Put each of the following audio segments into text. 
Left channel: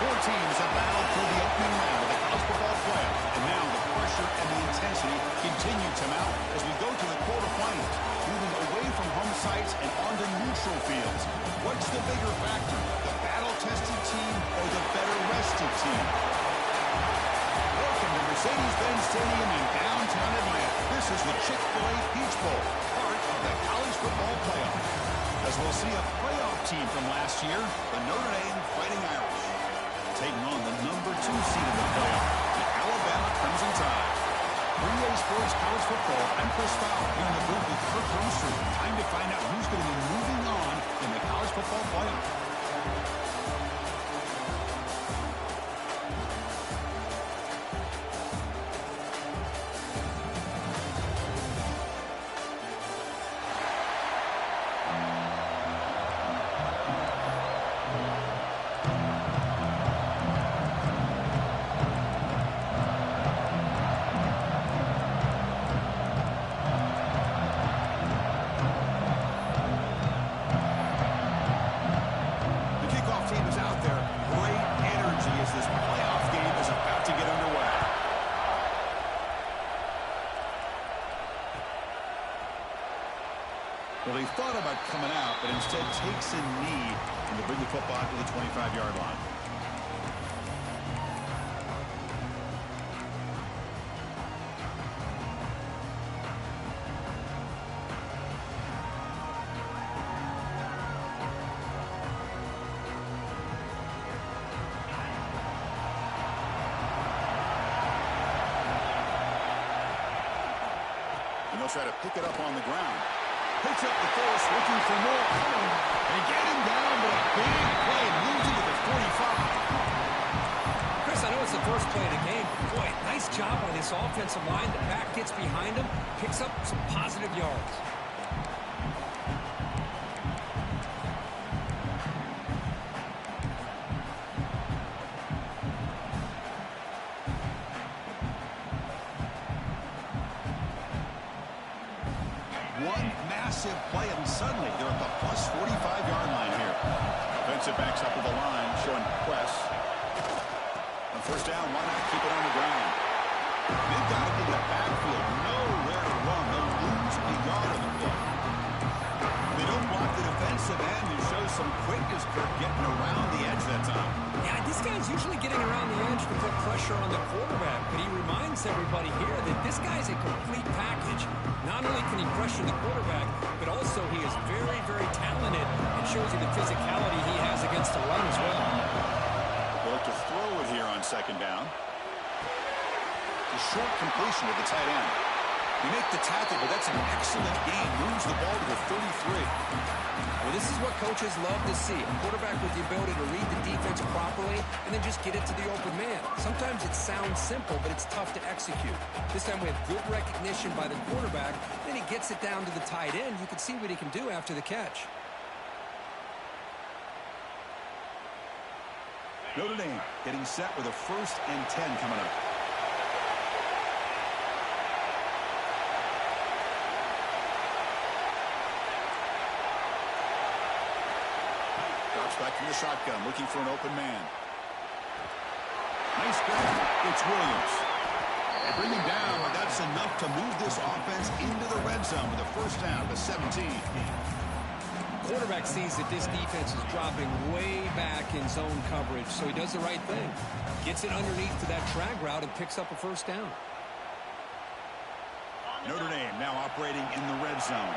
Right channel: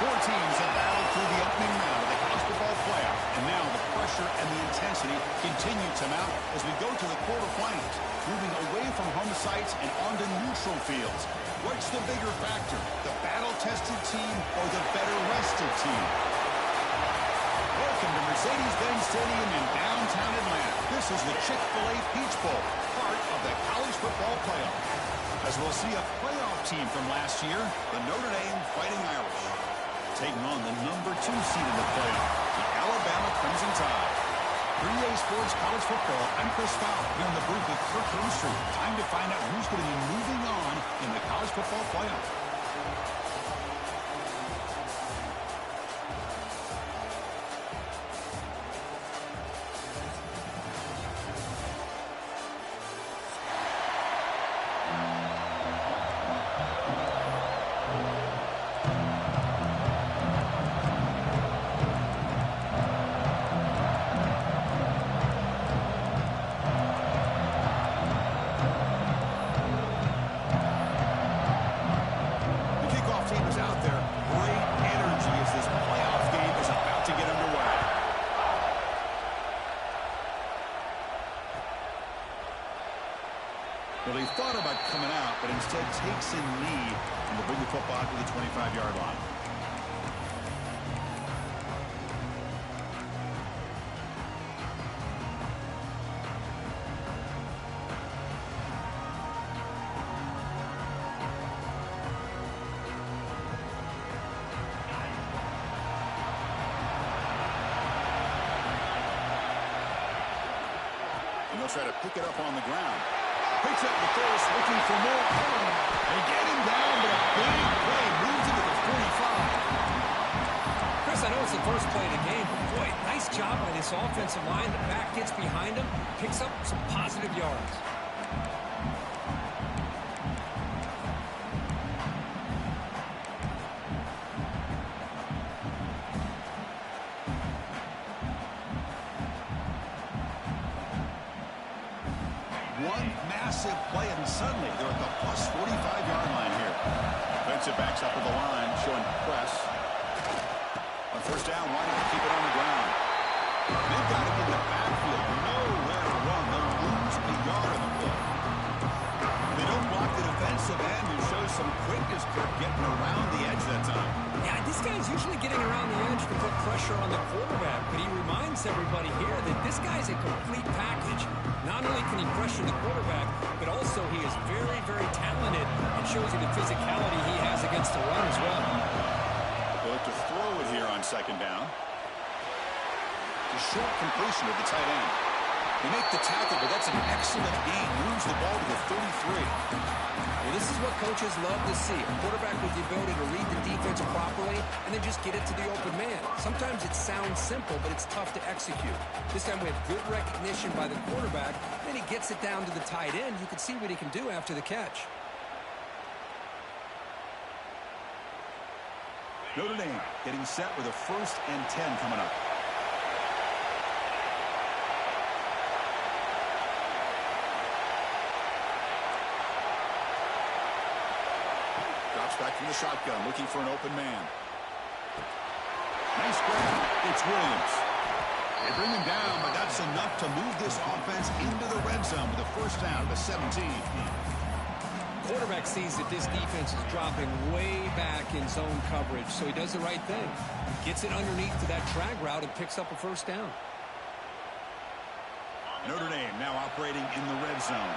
Four teams have battled through the opening round of the college football playoff, and now the pressure and the intensity continue to mount as we go to the quarterfinals, moving away from home sites and onto neutral fields. What's the bigger factor, the battle-tested team or the better-rested team? Welcome to Mercedes-Benz Stadium in downtown Atlanta. This is the Chick-fil-A Peach Bowl, part of the college football playoff. As we'll see a playoff team from last year, the Notre Dame Fighting Irish, taking on the number 2 seed in the playoff, the Alabama Crimson Tide. 3A Sports College Football, I'm Chris Fowler, here in the booth with Kirk Hermstrom. Time to find out who's going to be moving on in the college football playoff. Well, he thought about coming out, but instead takes a knee and to bring the football to the 25-yard line. And they'll try to pick it up on the ground. Picks up the first, looking for more. They get him down, but a big play moves into the 45. Chris, I know it's the first play of the game, but boy, nice job by this offensive line. The back gets behind him, picks up some positive yards. One massive play, and suddenly they're at the plus 45-yard line here. Defensive backs up with the line, showing press. On first down, why not keep it on the ground? They've got it in the backfield. Nowhere to run. They'll lose a yard on the play. They don't block the defensive end, who shows some quickness, Kirk, getting around the edge that time. Yeah, I he's usually getting around the edge to put pressure on the quarterback, but he reminds everybody here that this guy's a complete package. Not only can he pressure the quarterback, but also he is very, very talented and shows you the physicality he has against the run as well. They'll look to throw it here on second down. The short completion of the tight end. They make the tackle, but that's an excellent gain. Moves the ball to the 33. Well, this is what coaches love to see. A quarterback with the ability to read the defense properly and then just get it to the open man. Sometimes it sounds simple, but it's tough to execute. This time we have good recognition by the quarterback. Then he gets it down to the tight end. You can see what he can do after the catch. Notre Dame getting set with a 1st and 10 coming up. Drops back from the shotgun, looking for an open man. Nice grab. It's Williams. They bring him down, but that's enough to move this offense into the red zone with a 1st down to 17. Quarterback sees that this defense is dropping way back in zone coverage, so he does the right thing. Gets it underneath to that drag route and picks up a 1st down. Notre Dame now operating in the red zone.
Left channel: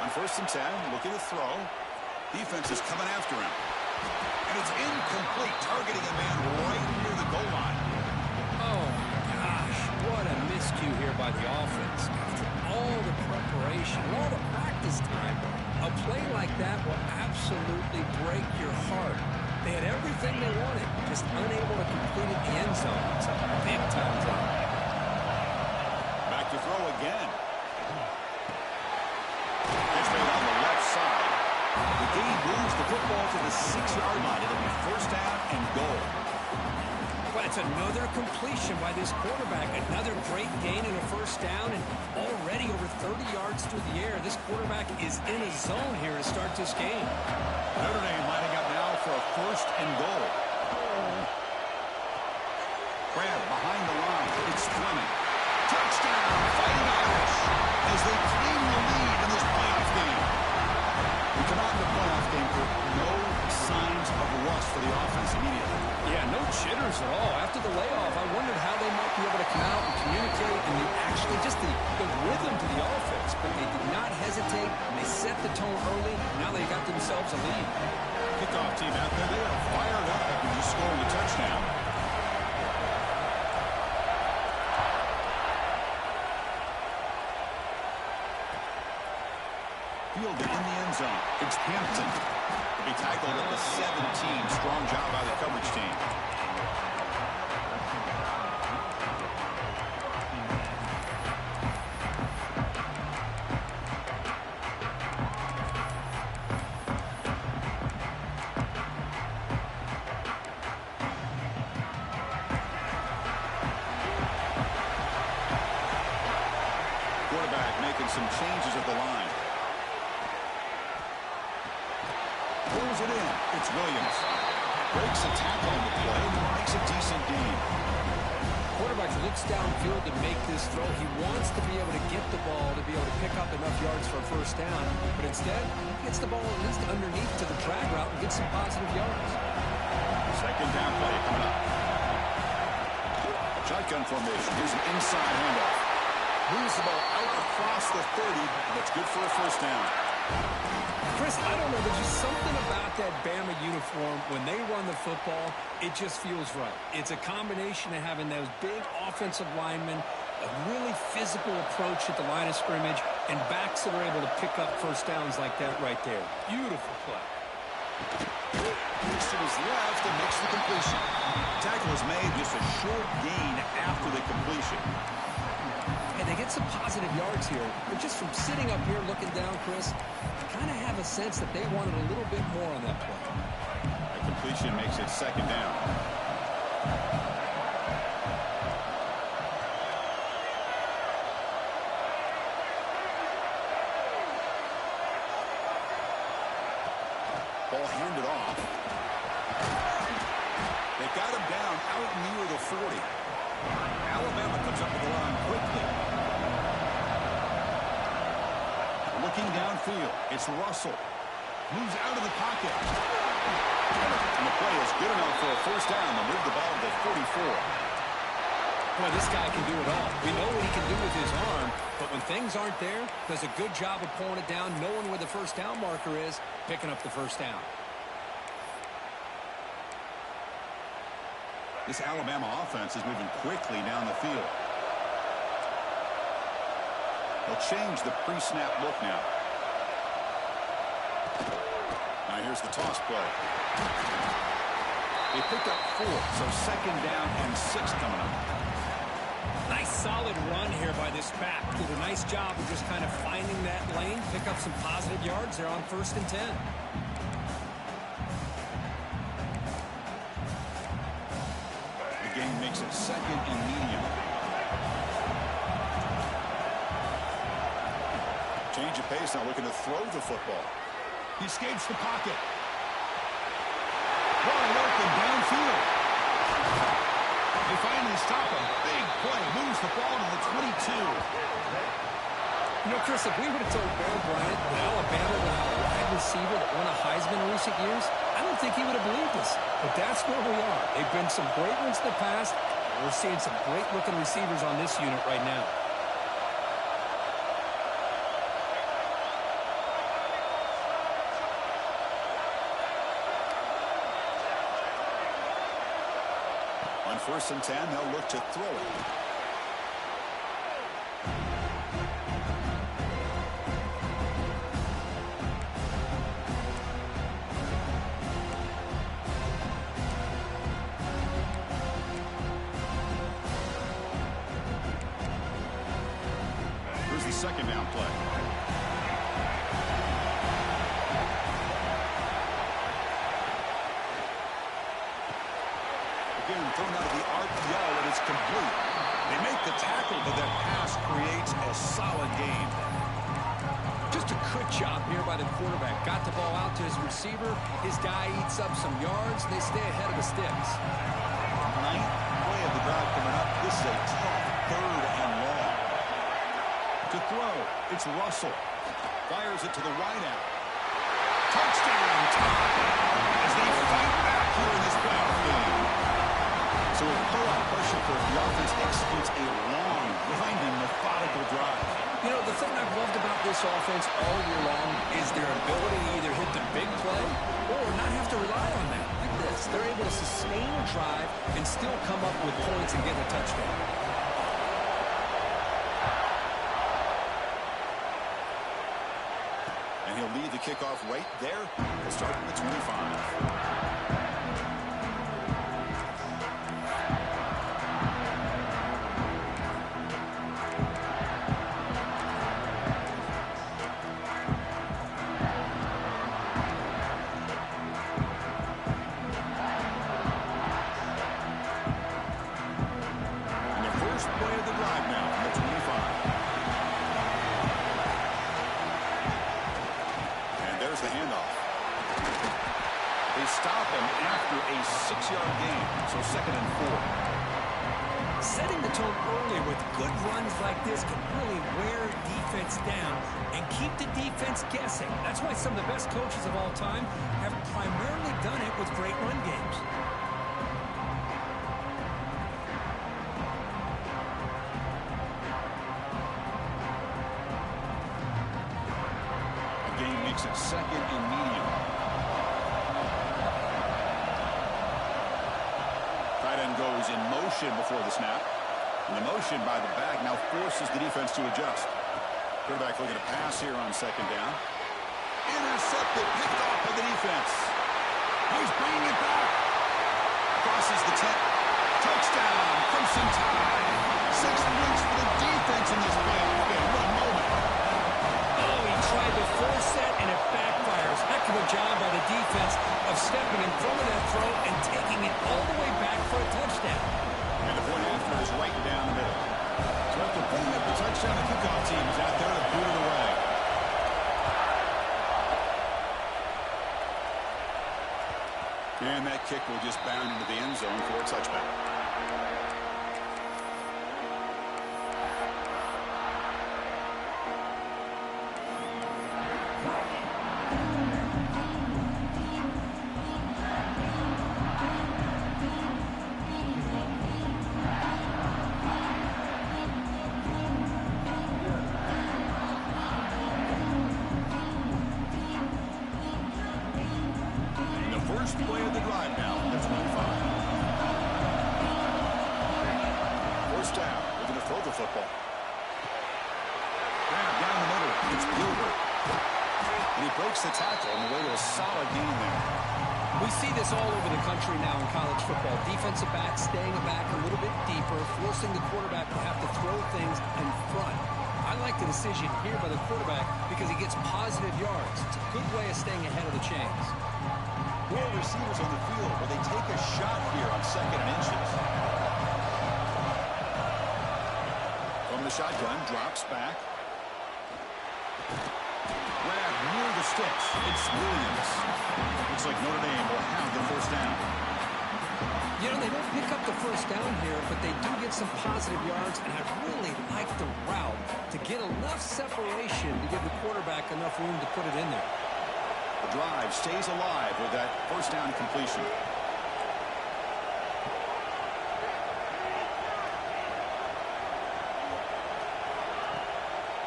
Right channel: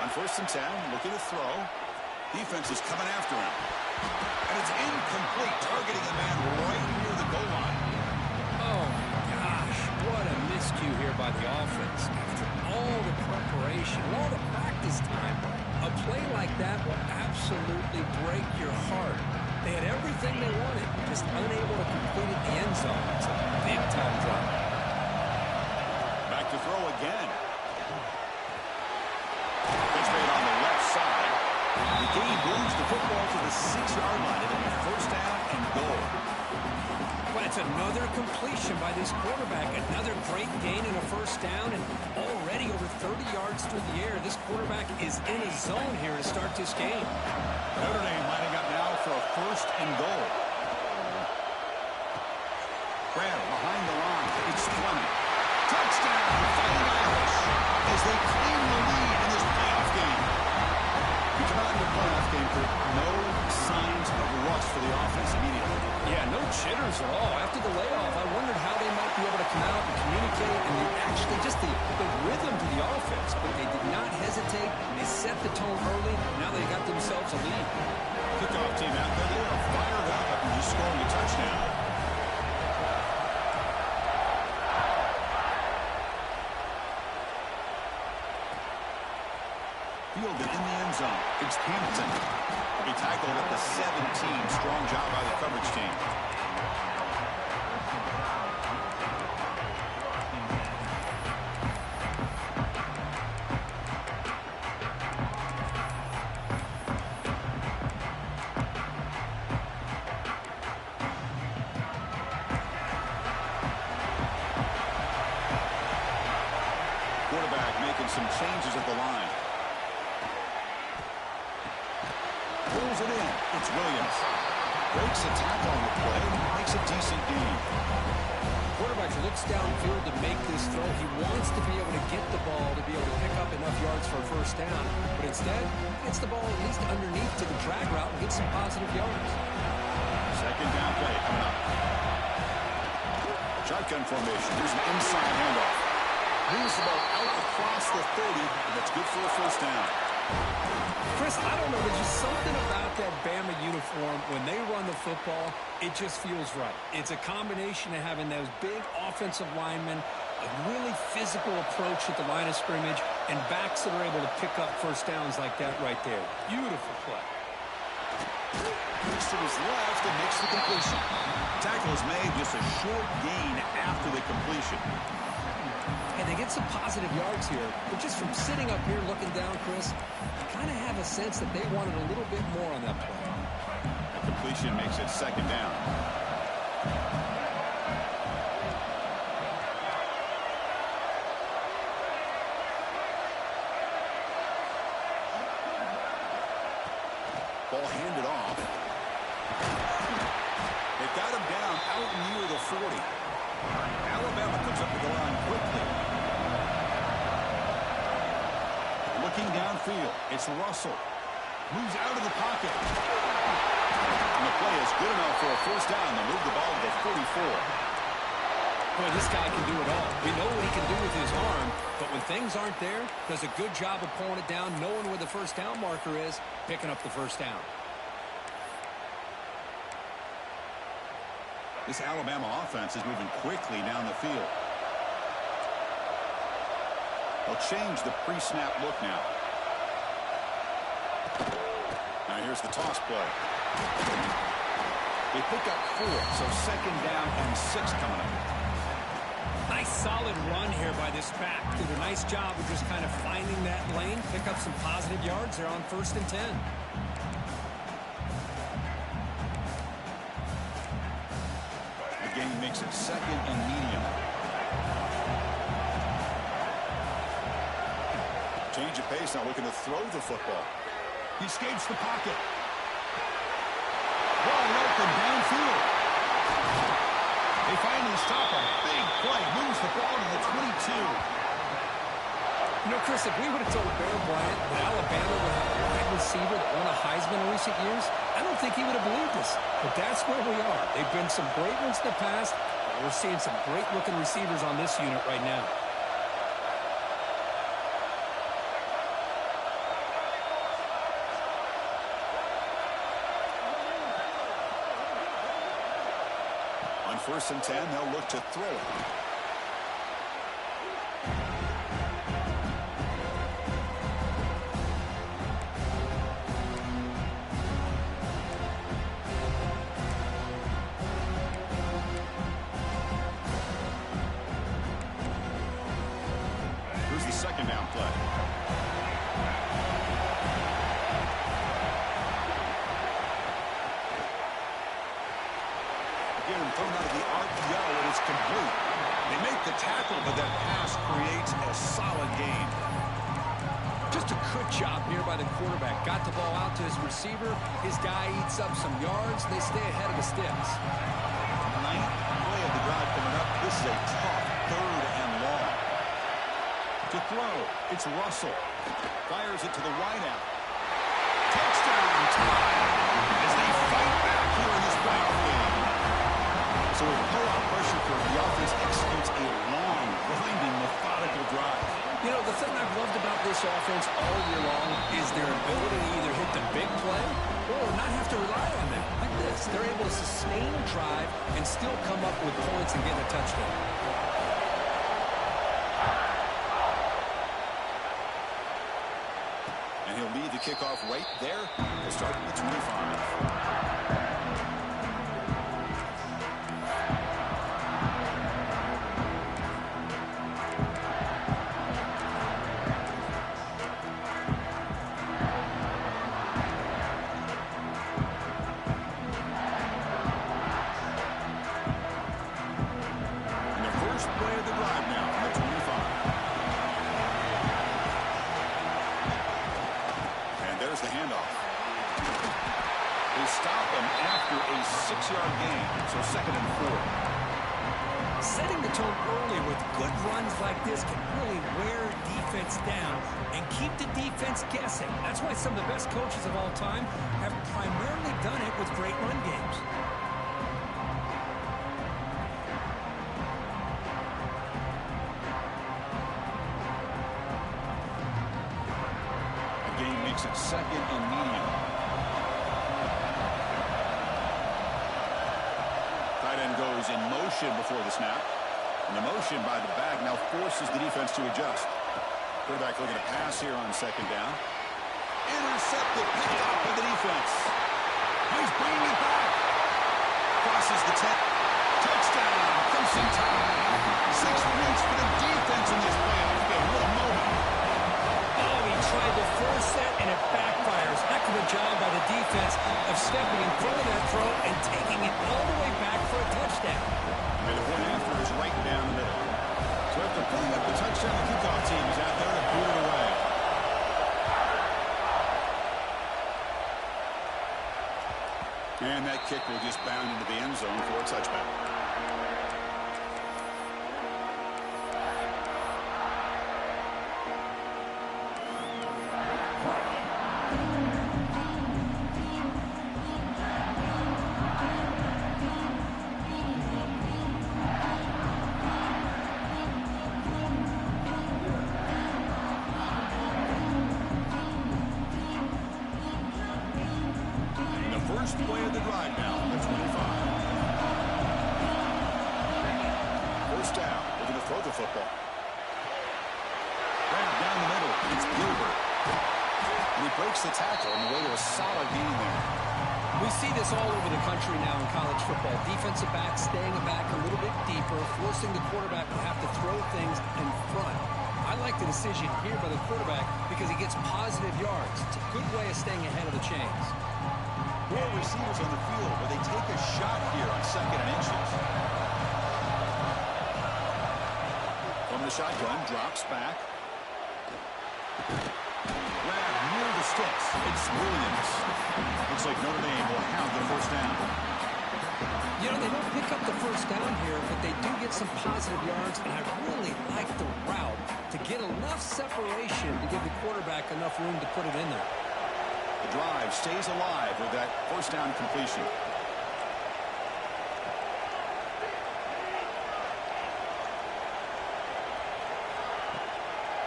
On 1st and 10, looking to throw. Defense is coming after him. And it's incomplete, targeting a man right near the goal line. Oh, my gosh. What a miscue here by the offense. After all the preparation, all the practice time, a play like that will absolutely break your heart. They had everything they wanted, just unable to complete it in the end zone. It's a big-time drop. Back to throw again. Pitch made on the left side. The game moves the football to the 6-yard line. It'll be 1st down and goal. But it's another completion by this quarterback. Another great gain and a 1st down, and already over 30 yards through the air. This quarterback is in a zone here to start this game. Notre Dame lining up now for a 1st and goal. Grab behind the line. It's Fleming. Touchdown, Fighting Irish, as they claim the lead in this playoff game. We come out in the playoff game for no signs of rust for the offense immediately. Yeah, no jitters at all. After the layoff, I wondered how they might be able to come out and communicate and actually just the rhythm to the offense. But they did not hesitate. They set the tone early. Now they got themselves a lead. Kickoff team out there, they are fired up after just scoring a touchdown. Fielded in the end zone. It's Hampton. Will be tackled at the 17. Strong job by the coverage team. Quarterback making some changes at the line. Pulls it in. It's Williams. Breaks a tackle on the play. Makes a decent gain. Quarterback looks downfield to make this throw. He wants to be able to get the ball to be able to pick up enough yards for a 1st down. But instead, gets the ball at least underneath to the drag route and gets some positive yards. 2nd down play coming up. Shotgun formation. Here's an inside handoff. Moves the ball out across the 30, and that's good for a 1st down. Chris, I don't know. There's just something about that Bama uniform. When they run the football, it just feels right. It's a combination of having those big offensive linemen, a really physical approach at the line of scrimmage, and backs that are able to pick up 1st downs like that right there. Beautiful play. Looks to his left and makes the completion. Tackle is made, just a short gain after the completion. And they get some positive yards here. But just from sitting up here looking down, Chris, you kind of have a sense that they wanted a little bit more on that play. A completion makes it 2nd down. Ball handed off. They've got him down out near the 40. Alabama comes up to the line quickly. Looking downfield, it's Russell. Moves out of the pocket. And the play is good enough for a first down. They'll move the ball to the 44. Boy, this guy can do it all. We know what he can do with his arm, but when things aren't there, does a good job of pulling it down, knowing where the first down marker is, picking up the first down. This Alabama offense is moving quickly down the field. They'll change the pre-snap look now. Now here's the toss play. They pick up 4, so second down and 6 coming up. Nice solid run here by this back. Did a nice job of just kind of finding that lane, pick up some positive yards there on 1st and 10. The game makes it second and medium. Change of pace now, looking to throw the football. He escapes the pocket. Wide open downfield. They finally stop him. Big play. Moves the ball to the 22. You know, Chris, if we would have told Bear Bryant that Alabama would have a wide receiver that won a Heisman in recent years, I don't think he would have believed us. But that's where we are. They've been some great ones in the past. And we're seeing some great-looking receivers on this unit right now. On 1st and 10, they'll look to throw it. Here's the second down play. Thrown out of the RPO, and it's complete. They make the tackle, but that pass creates a solid gain. Just a good job here by the quarterback. Got the ball out to his receiver. His guy eats up some yards. They stay ahead of the sticks. 9th play of the drive coming up. This is a tough 3rd and long. To throw, it's Russell. Fires it to the wideout. Touchdown tie as they fight back here in this playoff game. So with pull-out pressure curve, the offense executes a long, grinding, methodical drive. You know, the thing I've loved about this offense all year long is their ability to either hit the big play or not have to rely on that. Like this, they're able to sustain a drive and still come up with points and get a touchdown. And he'll lead the kickoff right there. He'll start at the 25. The handoff. They stop him after a 6-yard gain, so 2nd and 4. Setting the tone early with good runs like this can really wear defense down and keep the defense guessing. That's why some of the best coaches of all time have primarily done it with great run games. It's 2nd and medium. Tight end goes in motion before the snap. And the motion by the back now forces the defense to adjust. Quarterback looking to pass here on 2nd down. Intercepted, picked off by the defense. He's bringing it back. Crosses the 10. Touchdown, Crimson Tide. 6 points for the defense in this playoff game. What a moment. Tried to force that, and it backfires. Heck of a job by the defense of stepping in front of that throw and taking it all the way back for a touchdown. And the point after is right down the middle. So after putting up the touchdown, the kickoff team is out there to boot it away. And that kick will just bound into the end zone for a touchback. First play of the drive now at 25. First down. Looking to throw the football. Grab down the middle. It's Gilbert. And he breaks the tackle on the way to a solid gain there. We see this all over the country now in college football. Defensive backs staying back a little bit deeper, forcing the quarterback to have to throw things in front. I like the decision here by the quarterback because he gets positive yards. It's a good way of staying ahead of the chains. 4 receivers on the field where they take a shot here on 2nd and inches. From the shotgun, drops back. Grab near the sticks. It's Williams. Looks like Notre Dame will have the first down. You know, they don't pick up the first down here, but they do get some positive yards, and I really like the route to get enough separation to give the quarterback enough room to put it in there. The drive stays alive with that first down completion.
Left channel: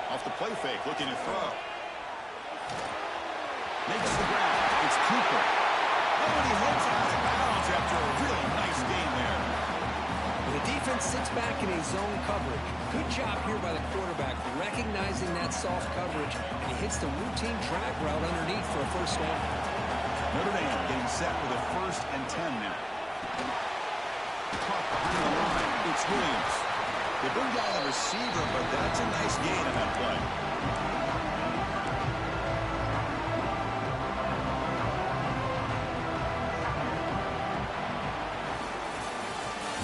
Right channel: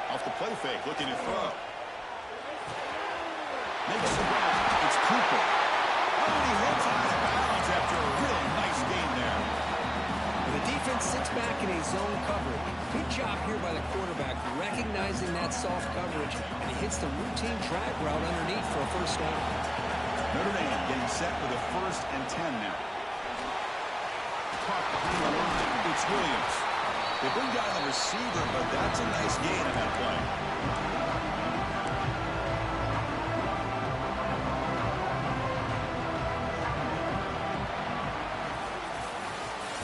Off the play fake, looking to throw. Makes the grab. It's Cooper. Oh, and he heads out of bounds after a really nice gain there. Well, the defense sits back in a zone coverage. Good job here by the quarterback, recognizing that soft coverage, and he hits the routine drag route underneath for a first down. Notre Dame getting set with a 1st and 10 now. Caught behind the line. It's Williams. They bring down the receiver, but that's a nice gain on that play.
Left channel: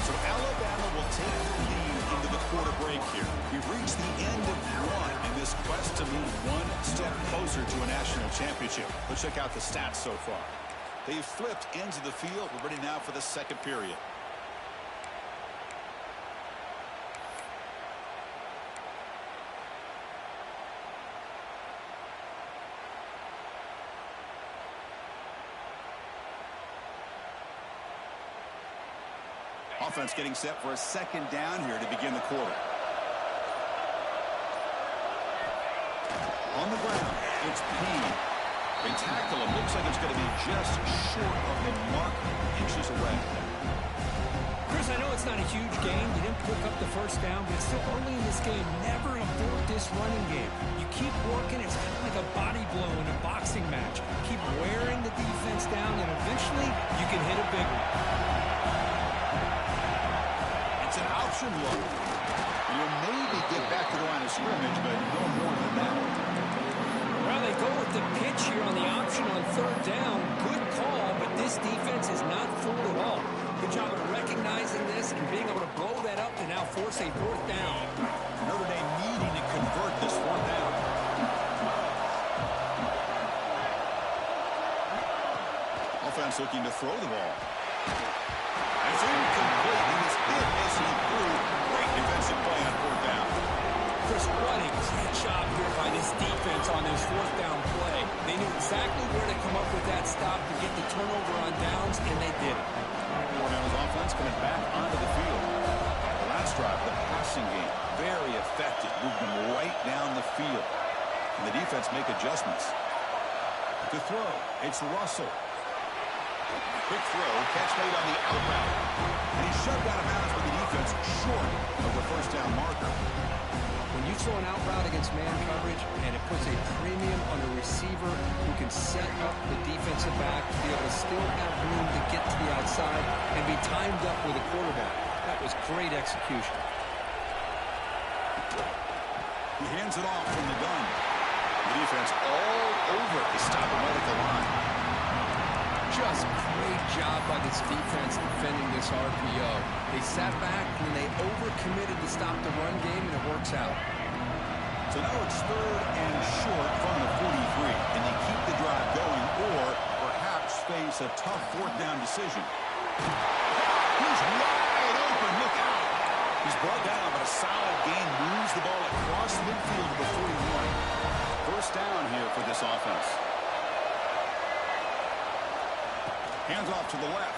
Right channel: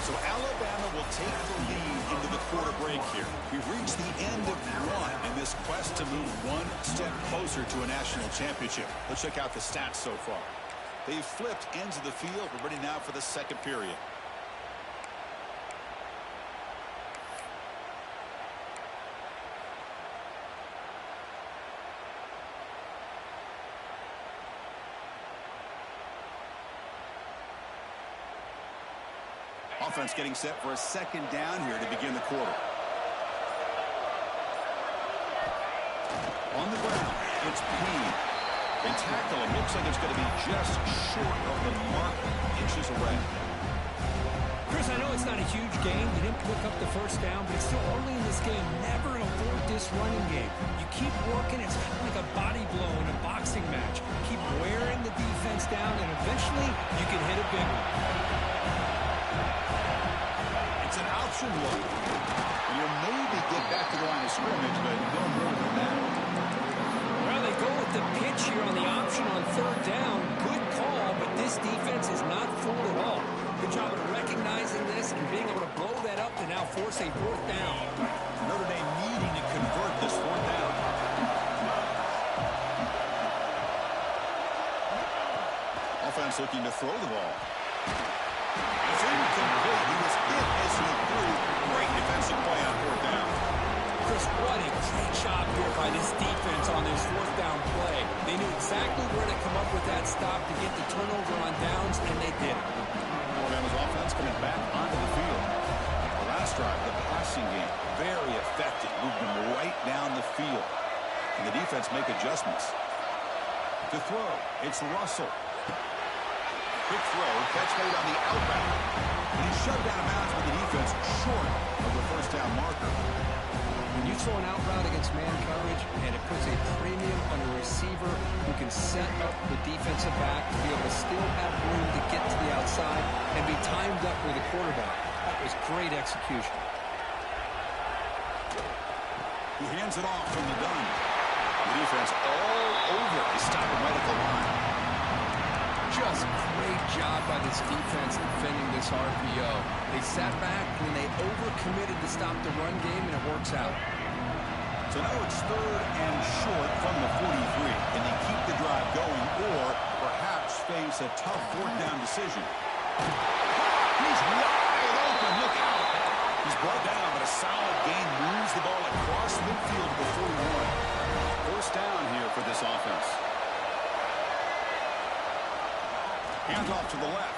So Alabama will take the lead into the quarter break here. We've reached the end of one in this quest to move one step closer to a national championship. Let's check out the stats so far. They've flipped ends of the field. We're ready now for the second period. Offense getting set for a 2nd down here to begin the quarter. On the ground, it's Payne. They tackle him. Looks like it's going to be just short of the marker, inches away. Chris, I know it's not a huge gain. You didn't pick up the first down, but it's still early in this game. Never abort this running game. You keep working. It's kind of like a body blow in a boxing match. Keep wearing the defense down, and eventually you can hit a big one. It's an option look. You'll maybe get back to the line of scrimmage, but no more than that. Well, they go with the pitch here on the option on 3rd down. Good call, but this defense is not fooled at all. Good job of recognizing this and being able to blow that up to now force a 4th down. Notre Dame needing to convert this 4th down. Offense looking to throw the ball. It's incomplete. He was hit as he threw. Great defensive play on 4th down. Chris, what a great job here by this defense on this 4th down play. They knew exactly where to come up with that stop to get the turnover on downs, and they did it. Alabama's offense coming back onto the field. The last drive, the passing game, very effective. Moved them right down the field. Can the defense make adjustments? To throw, it's Russell. Quick throw, catch made on the out route. And he's shoved out of bounds with the defense short of the first down marker. When you throw an out route against man coverage, and it puts a premium on a receiver who can set up the defensive back to be able to still have room to get to the outside and be timed up with a quarterback. That was great execution. He hands it off from the gun. The defense all over. They stop him right at the line. Just great job by this defense defending this RPO. They sat back and they overcommitted to stop the run game, and it works out. So now it's 3rd and short from the 43. Can they keep the drive going or perhaps face a tough 4th down decision? He's wide open. Look out. He's brought down, but a solid gain moves the ball across midfield to the 41. First down here for this offense. Hands off to the left.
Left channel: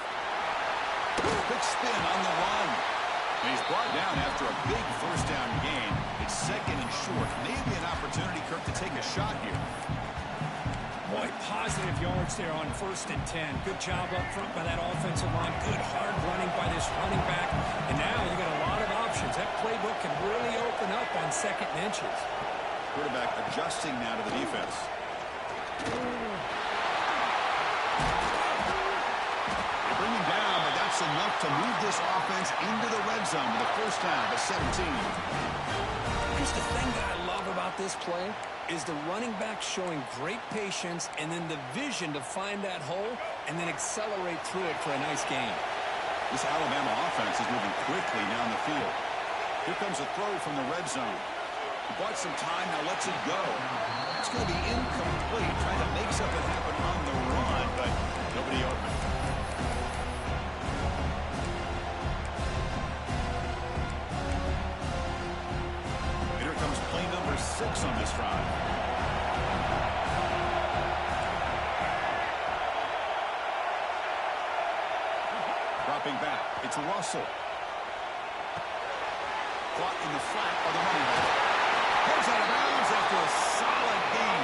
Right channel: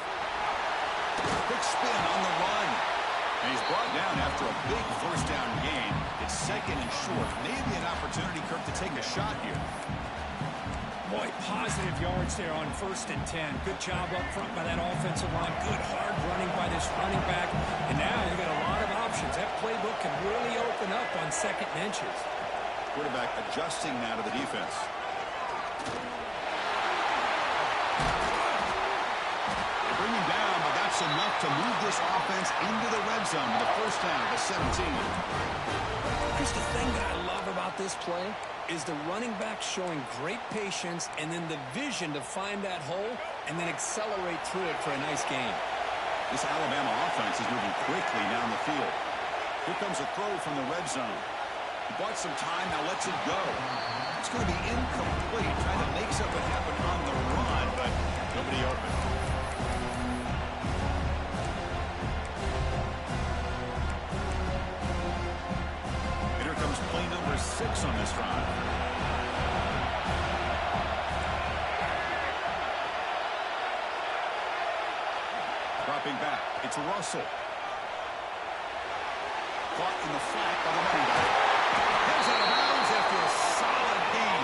Quick spin on the run. And he's brought down after a big first down gain. It's 2nd and short. Maybe an opportunity, Kirk, to take a shot here. Boy, positive yards there on 1st and 10. Good job up front by that offensive line. Good hard running by this running back. And now you got a lot of options. That playbook can really open up on 2nd and inches. Quarterback adjusting now to the defense. They bring him down, but that's enough to move this offense into the red zone with a 1st down to 17. Chris, the thing that I love about this play is the running back showing great patience and then the vision to find that hole and then accelerate through it for a nice gain. This Alabama offense is moving quickly down the field. Here comes a throw from the red zone. He bought some time, now lets it go. It's going to be incomplete, trying to make something happen on the run, but nobody open. And here comes play number 6 on this drive. Dropping back, it's Russell. Caught in the flat by the running back. Heads out of bounds after a solid gain.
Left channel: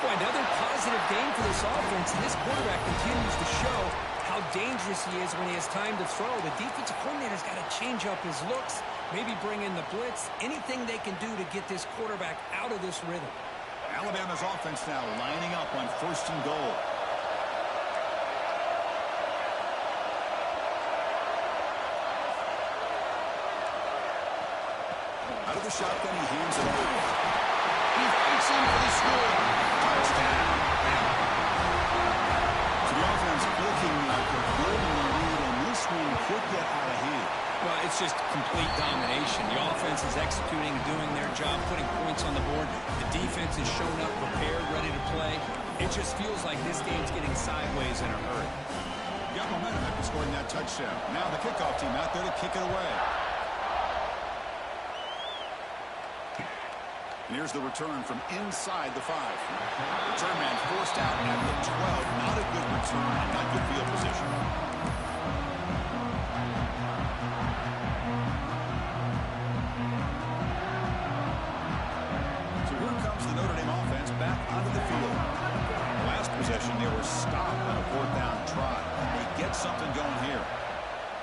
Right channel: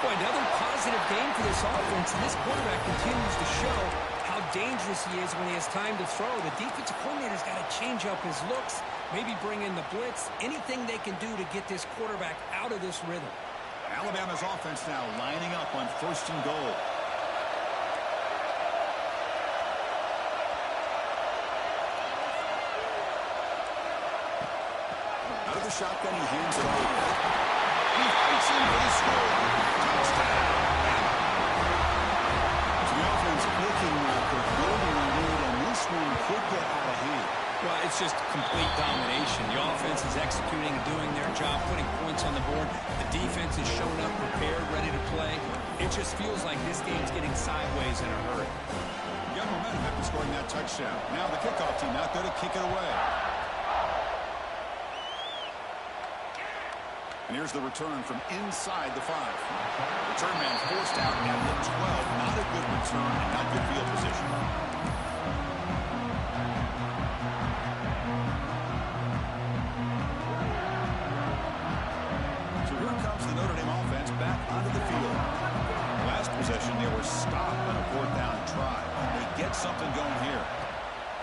Boy, another positive game for this offense, and this quarterback continues to show how dangerous he is when he has time to throw. The defensive coordinator's got to change up his looks, maybe bring in the blitz, anything they can do to get this quarterback out of this rhythm. Alabama's offense now lining up on 1st and goal. Out of the shotgun, he hands it over. He fights in for the score. Touchdown, Bama. So the offense clicking after building a lead, and this one could get out of hand. Well, it's just complete domination. The offense is executing and doing their job, putting points on the board. The defense is showing up prepared, ready to play. It just feels like this game's getting sideways in a hurry. You got momentum after scoring that touchdown. Now the kickoff team out there to kick it away. And here's the return from inside the 5. Return man forced out at the 12. Not a good return and not good field position. So here comes the Notre Dame offense back onto the field. Last possession, they were stopped on a 4th down try. And they get something going here.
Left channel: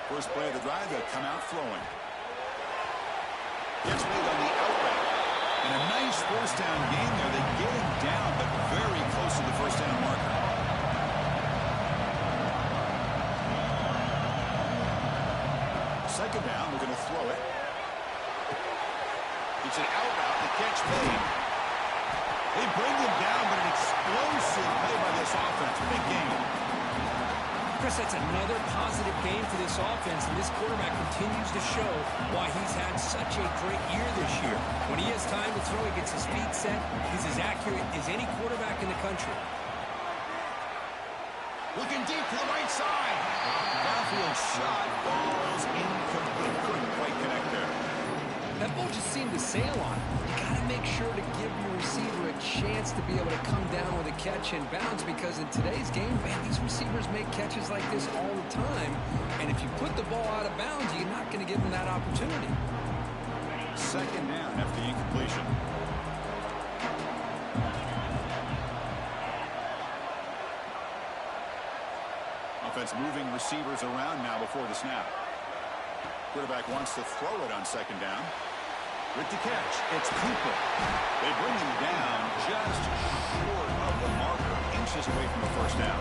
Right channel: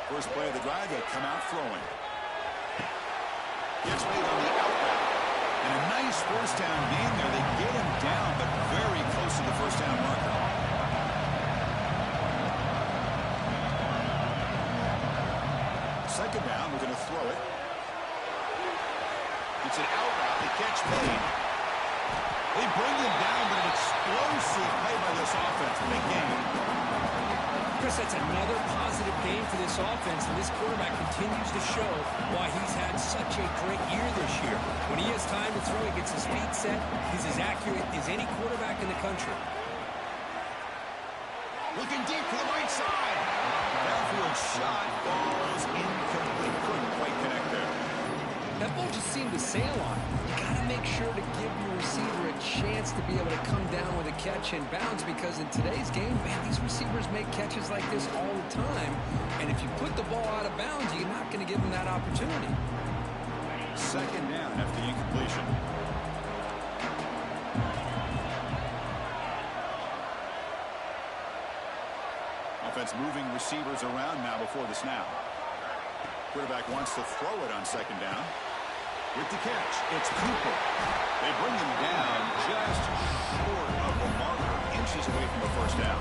First play of the drive, they come out throwing. Gets made on the out route. And a nice 1st down game there. They get him down, but very close to the 1st down marker. Second down, we're going to throw it. It's an out route. The catch made. They bring him down, but an explosive play by this offense. Big game. Chris, that's another positive game for this offense, and this quarterback continues to show why he's had such a great year this year. When he has time to throw, he gets his feet set. He's as accurate as any quarterback in the country. Looking deep to the right side. Downfield shot, balls incomplete. Couldn't quite connect there. That ball just seemed to sail on him. You got to make sure to give your receiver a chance to be able to come down with a catch and bounce, because in today's game, man, these receivers make catches like this all the time. And if you put the ball out of bounds, you're not going to give them that opportunity. Second down after the incompletion. Offense moving receivers around now before the snap. Quarterback wants to throw it on 2nd down. With the catch, it's Cooper. They bring him down just short of the marker, inches away from the 1st down.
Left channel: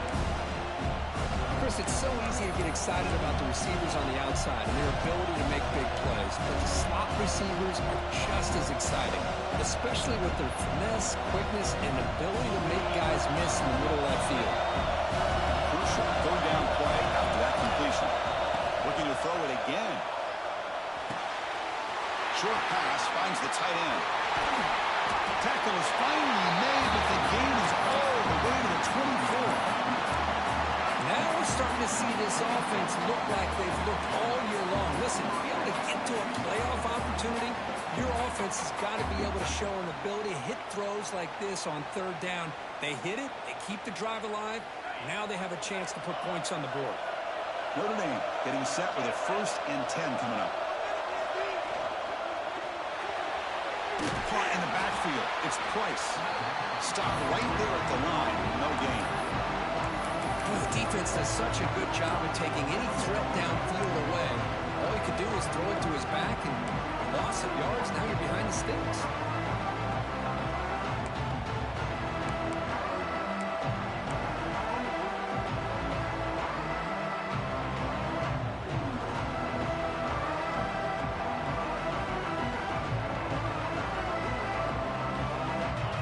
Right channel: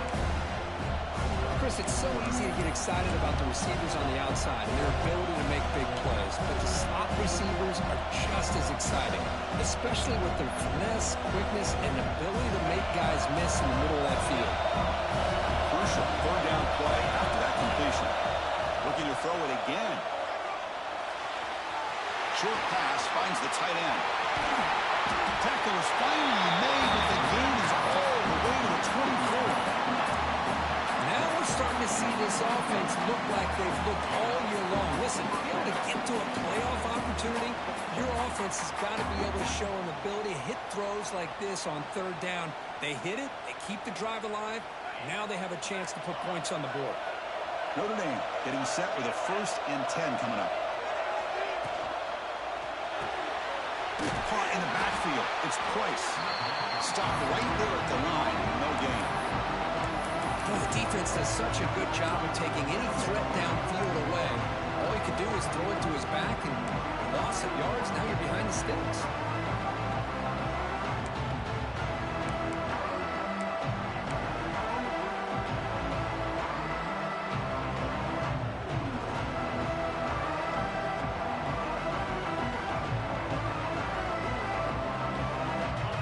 Chris, it's so easy to get excited about the receivers on the outside and their ability to make big plays, but the slot receivers are just as exciting, especially with their finesse, quickness, and ability to make guys miss in the middle of that field. Crucial 3rd down play after that completion. Looking to throw it again. Short pass finds the tight end. Tackle is finally made, but the gain is all the way to the 24. Now we're starting to see this offense look like they've looked all year long. Listen, to be able to get to a playoff opportunity, your offense has got to be able to show an ability to hit throws like this on 3rd down. They hit it, they keep the drive alive. Now they have a chance to put points on the board. Notre Dame getting set with a 1st and 10 coming up. Caught in the backfield. backfield. It's Price. Stopped right there at the line. No gain. Well, the defense does such a good job of taking any threat downfield away. All you can do is throw it to his back and loss of yards. Now you're behind the sticks.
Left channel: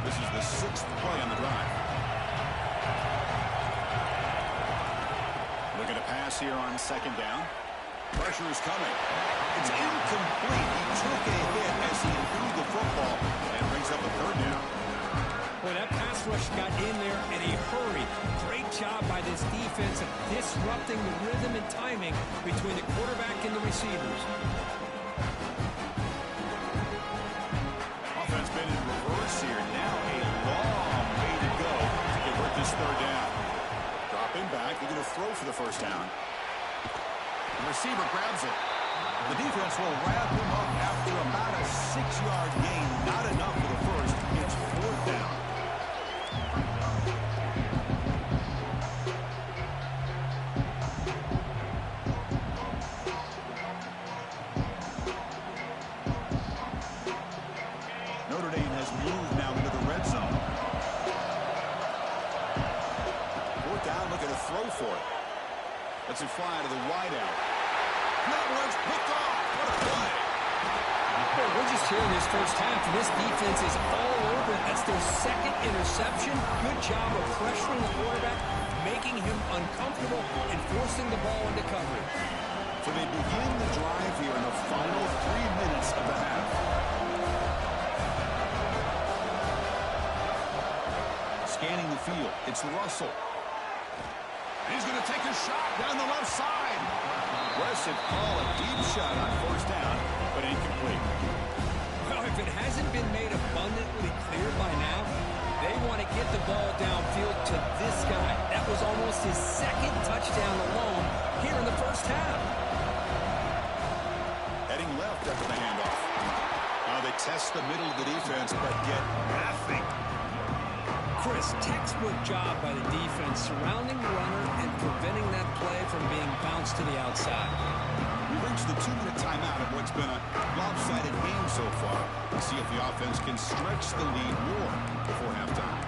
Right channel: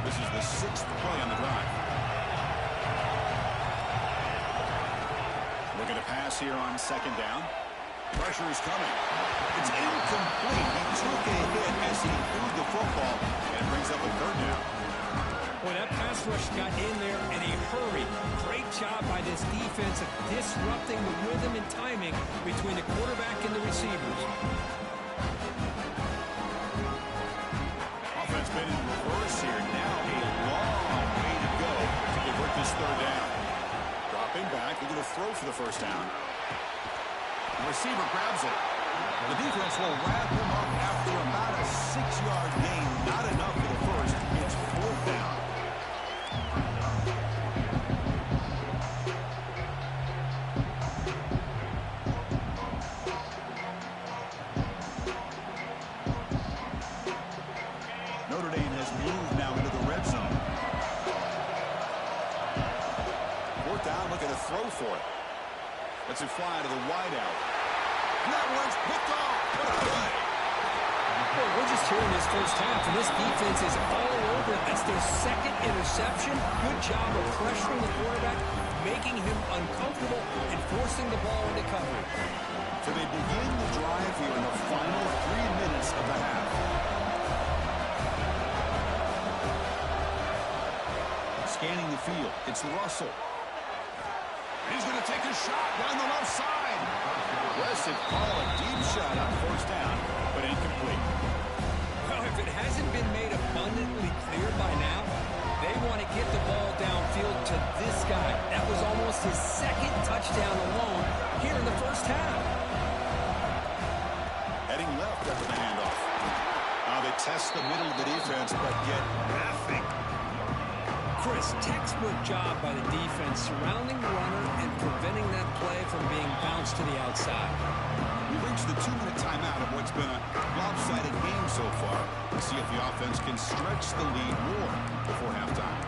This is the 6th play on the drive. Looking to pass here on 2nd down. Pressure is coming. It's incomplete. He took a hit as he threw the football, and it brings up a 3rd down. Boy, that pass rush got in there in a hurry. Great job by this defense of disrupting the rhythm and timing between the quarterback and the receivers. Offense been in reverse here. Now a long way to go to convert this 3rd down. Dropping back. They're going to throw for the 1st down. The receiver grabs it. The defense will wrap him up after about a 6-yard gain. Not enough for the 1st. It's 4th down. Notre Dame has moved now into the red zone. 4th down, looking to throw for it. Lets it fly to the wideout. And that one's picked off. What a play. Boy, we're just hearing this first half, and this defense is all over it. That's their 2nd interception. Good job of pressuring the quarterback, making him uncomfortable, and forcing the ball into coverage. So they begin the drive here in the final 3 minutes of the half. Scanning the field. It's Russell. He's going to take a shot down the left side. Aggressive call, a deep shot on 1st down, but incomplete. Well, if it hasn't been made abundantly clear by now, they want to get the ball downfield to this guy. That was almost his 2nd touchdown alone here in the 1st half. Heading left after the handoff. Now they test the middle of the defense, but get nothing. Chris, textbook job by the defense surrounding the runner and preventing that play from being bounced to the outside. We reached the 2-minute timeout of what's been a lopsided game so far. Let's see if the offense can stretch the lead more before halftime.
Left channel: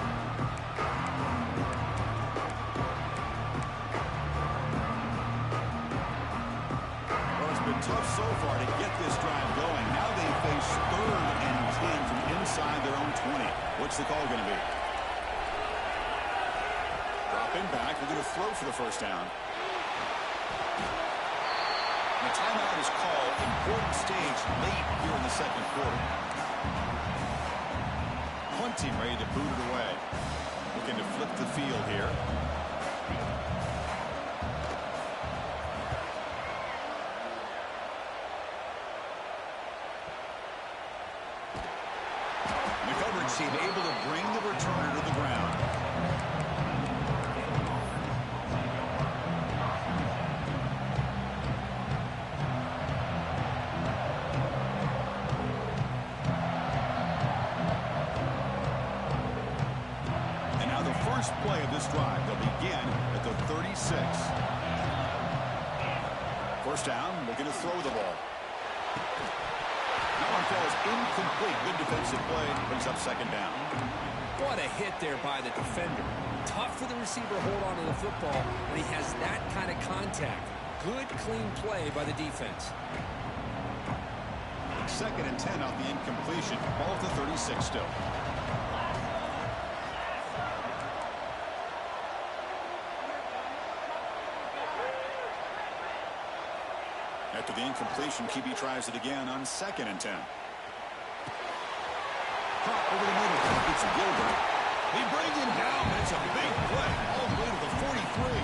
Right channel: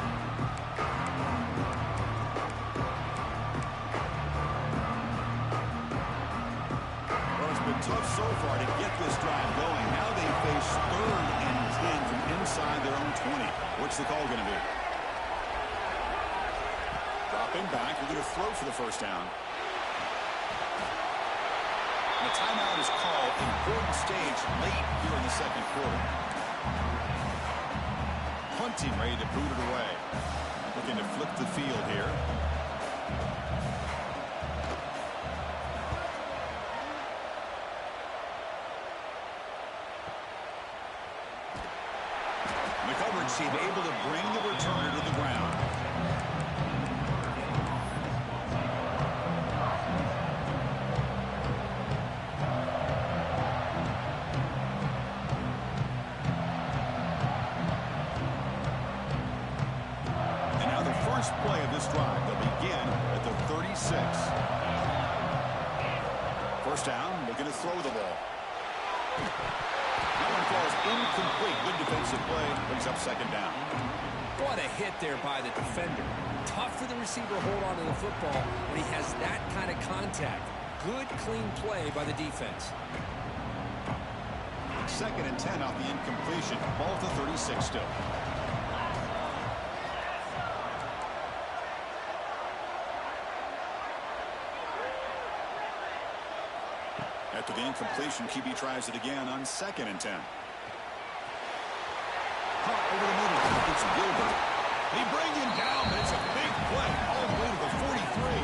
Well, it's been tough so far to get this drive going. Now they face 3rd and 10 from inside their own 20. What's the call going to be? Dropping back, they're going to throw for the 1st down. The timeout is called. Important stage late here in the 2nd quarter. Punting, ready to boot it away. Looking to flip the field here. The coverage team able to bring the returner to the ground. First play of this drive. They'll begin at the 36. 1st down, looking to throw the ball. That one falls incomplete. Good defensive play. Brings up 2nd down. What a hit there by the defender. Tough for the receiver to hold on to the football when he has that kind of contact. Good, clean play by the defense. 2nd and 10 off the incompletion. Ball at the 36 still. After the incompletion, QB tries it again on 2nd and 10. Caught over the middle. It's Gilbert. They bring him down, but it's a big play all the way to the 43.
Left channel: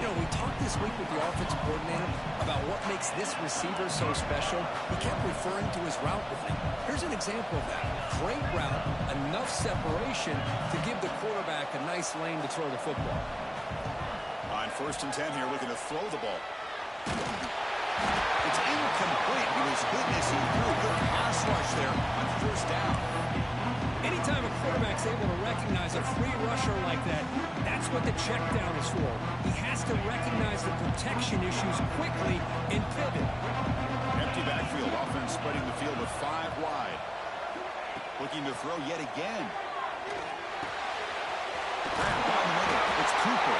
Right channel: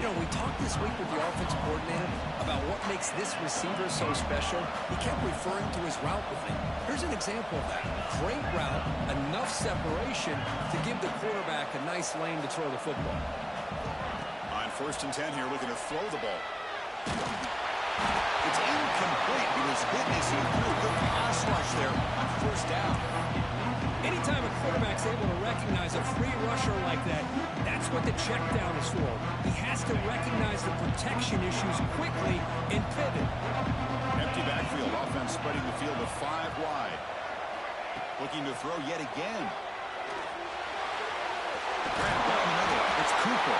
You know, we talked this week with the offensive coordinator about what makes this receiver so special. He kept referring to his route running. Here's an example of that. Great route, enough separation to give the quarterback a nice lane to throw the football. On 1st and 10 here, looking to throw the ball. It's incomplete. He was hit as he threw a good pass rush there on first down. Anytime a quarterback's able to recognize a free rusher like that, that's what the check down is for. He has to recognize the protection issues quickly and pivot. Empty backfield. Offense spreading the field with 5 wide. Looking to throw yet again. Grab down the middle. It's Cooper.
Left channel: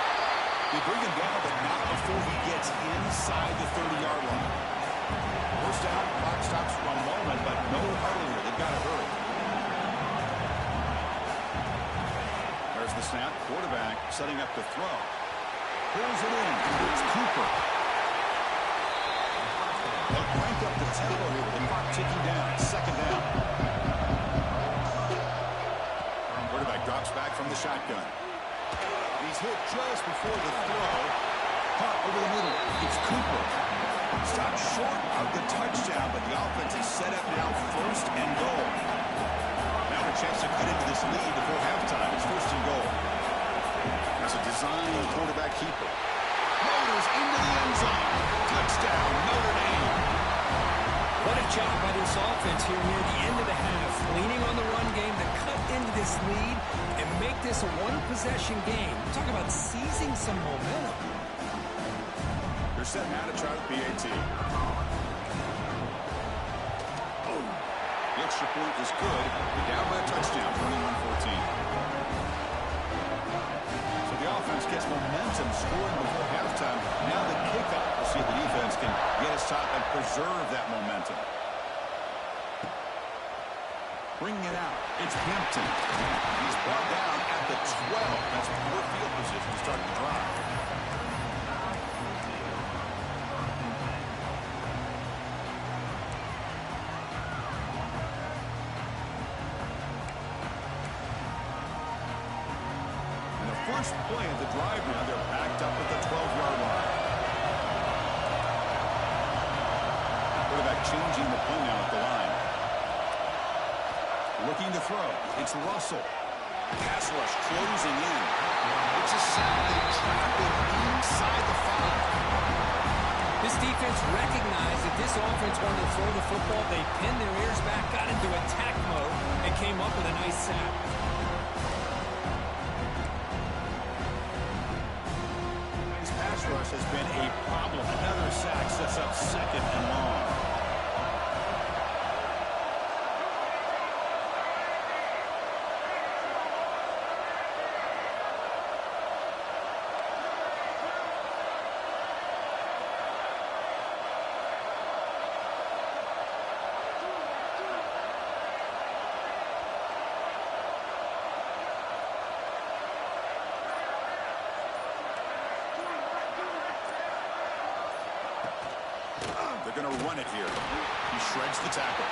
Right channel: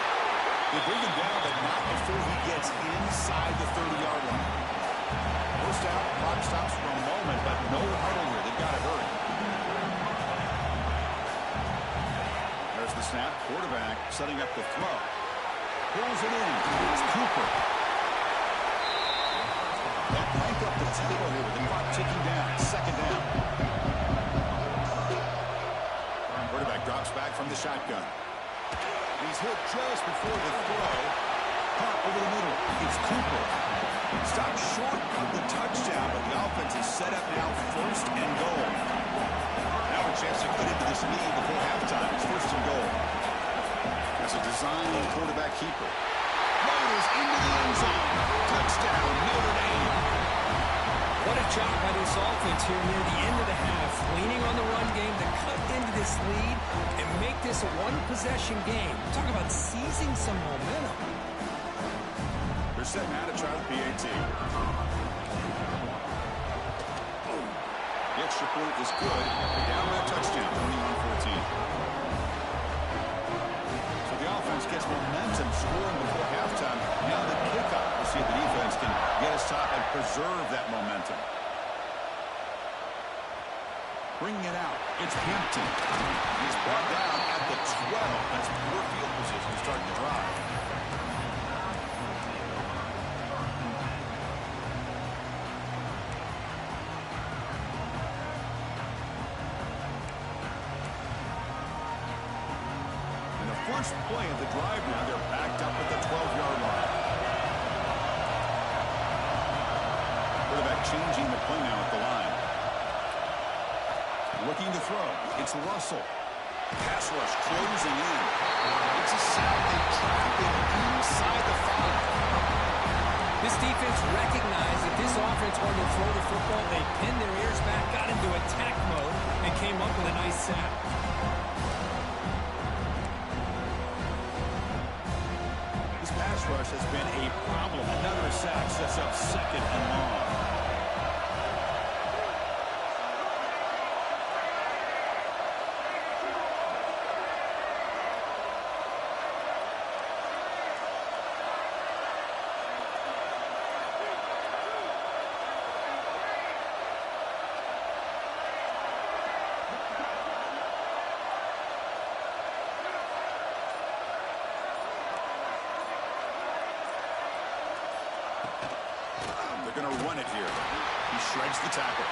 They bring him down, but not before he gets inside the 30-yard line. First out, clock stops for a moment, but no huddle here. They've got to hurry. There's the snap. Quarterback setting up to throw. Pulls it in. It's Cooper. They'll crank up the tempo here with the clock ticking down. Second down. Quarterback drops back from the shotgun. He's hit just before the throw. Punt over the middle. It's Cooper. Stopped short of the touchdown, but the offense is set up now first and goal. Now a chance to cut into this lead before halftime. It's first and goal. That's a design quarterback keeper. Motors into the end zone. Touchdown, Notre Dame. What a job by this offense here near the end of the half. Leaning on the run game to cut into this lead and make this a one-possession game. Talk about seizing some momentum. They're set now to try the PAT. The extra point is good. They're down by a touchdown, 21-14. So the offense gets momentum scoring before halftime. Now the kickoff. We'll see if the defense can get a stop and preserve that momentum. Bringing it out. It's Hampton. He's brought down at the 12. That's poor field position to start the drive. First play of the drive now. They're backed up at the 12-yard line. Quarterback changing the play now at the line. Looking to throw. It's Russell. Pass rush closing in. It's a sack. They trap him inside the 5. This defense recognized that this offense wanted to throw the football. They pinned their ears back, got into attack mode, and came up with a nice sack. Pass rush has been a problem. Another sack sets up second and long. They're going to run it here. He shreds the tackle.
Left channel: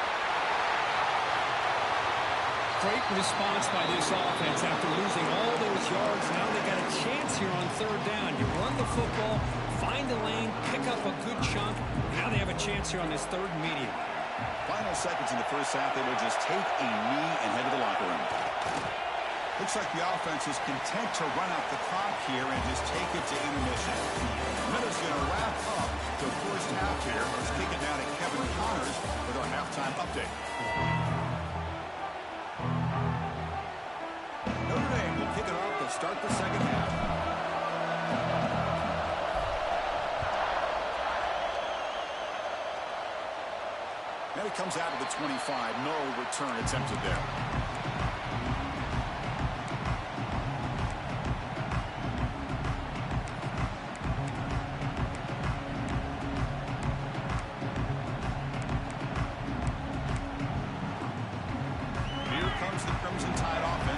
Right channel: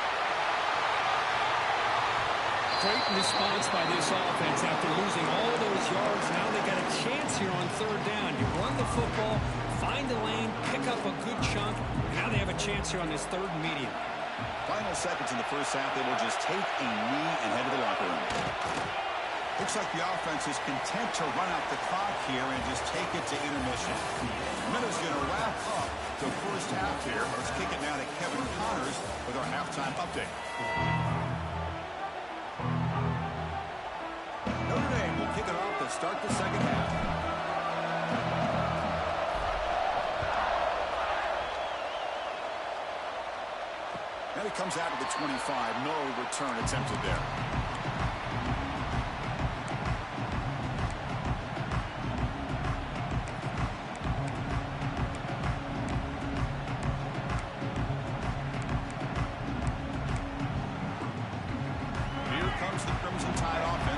Great response by this offense after losing all those yards. Now they got a chance here on third down. You run the football, find a lane, pick up a good chunk. Now they have a chance here on this third and medium. Final seconds in the first half. They will just take a knee and head to the locker room. Looks like the offense is content to run out the clock here and just take it to intermission. Miller's going to wrap up the first half here. Let's kick it now to Kevin Connors with our halftime update. Notre Dame will kick it off to start the second half. And it comes out to the 25. No return attempted there.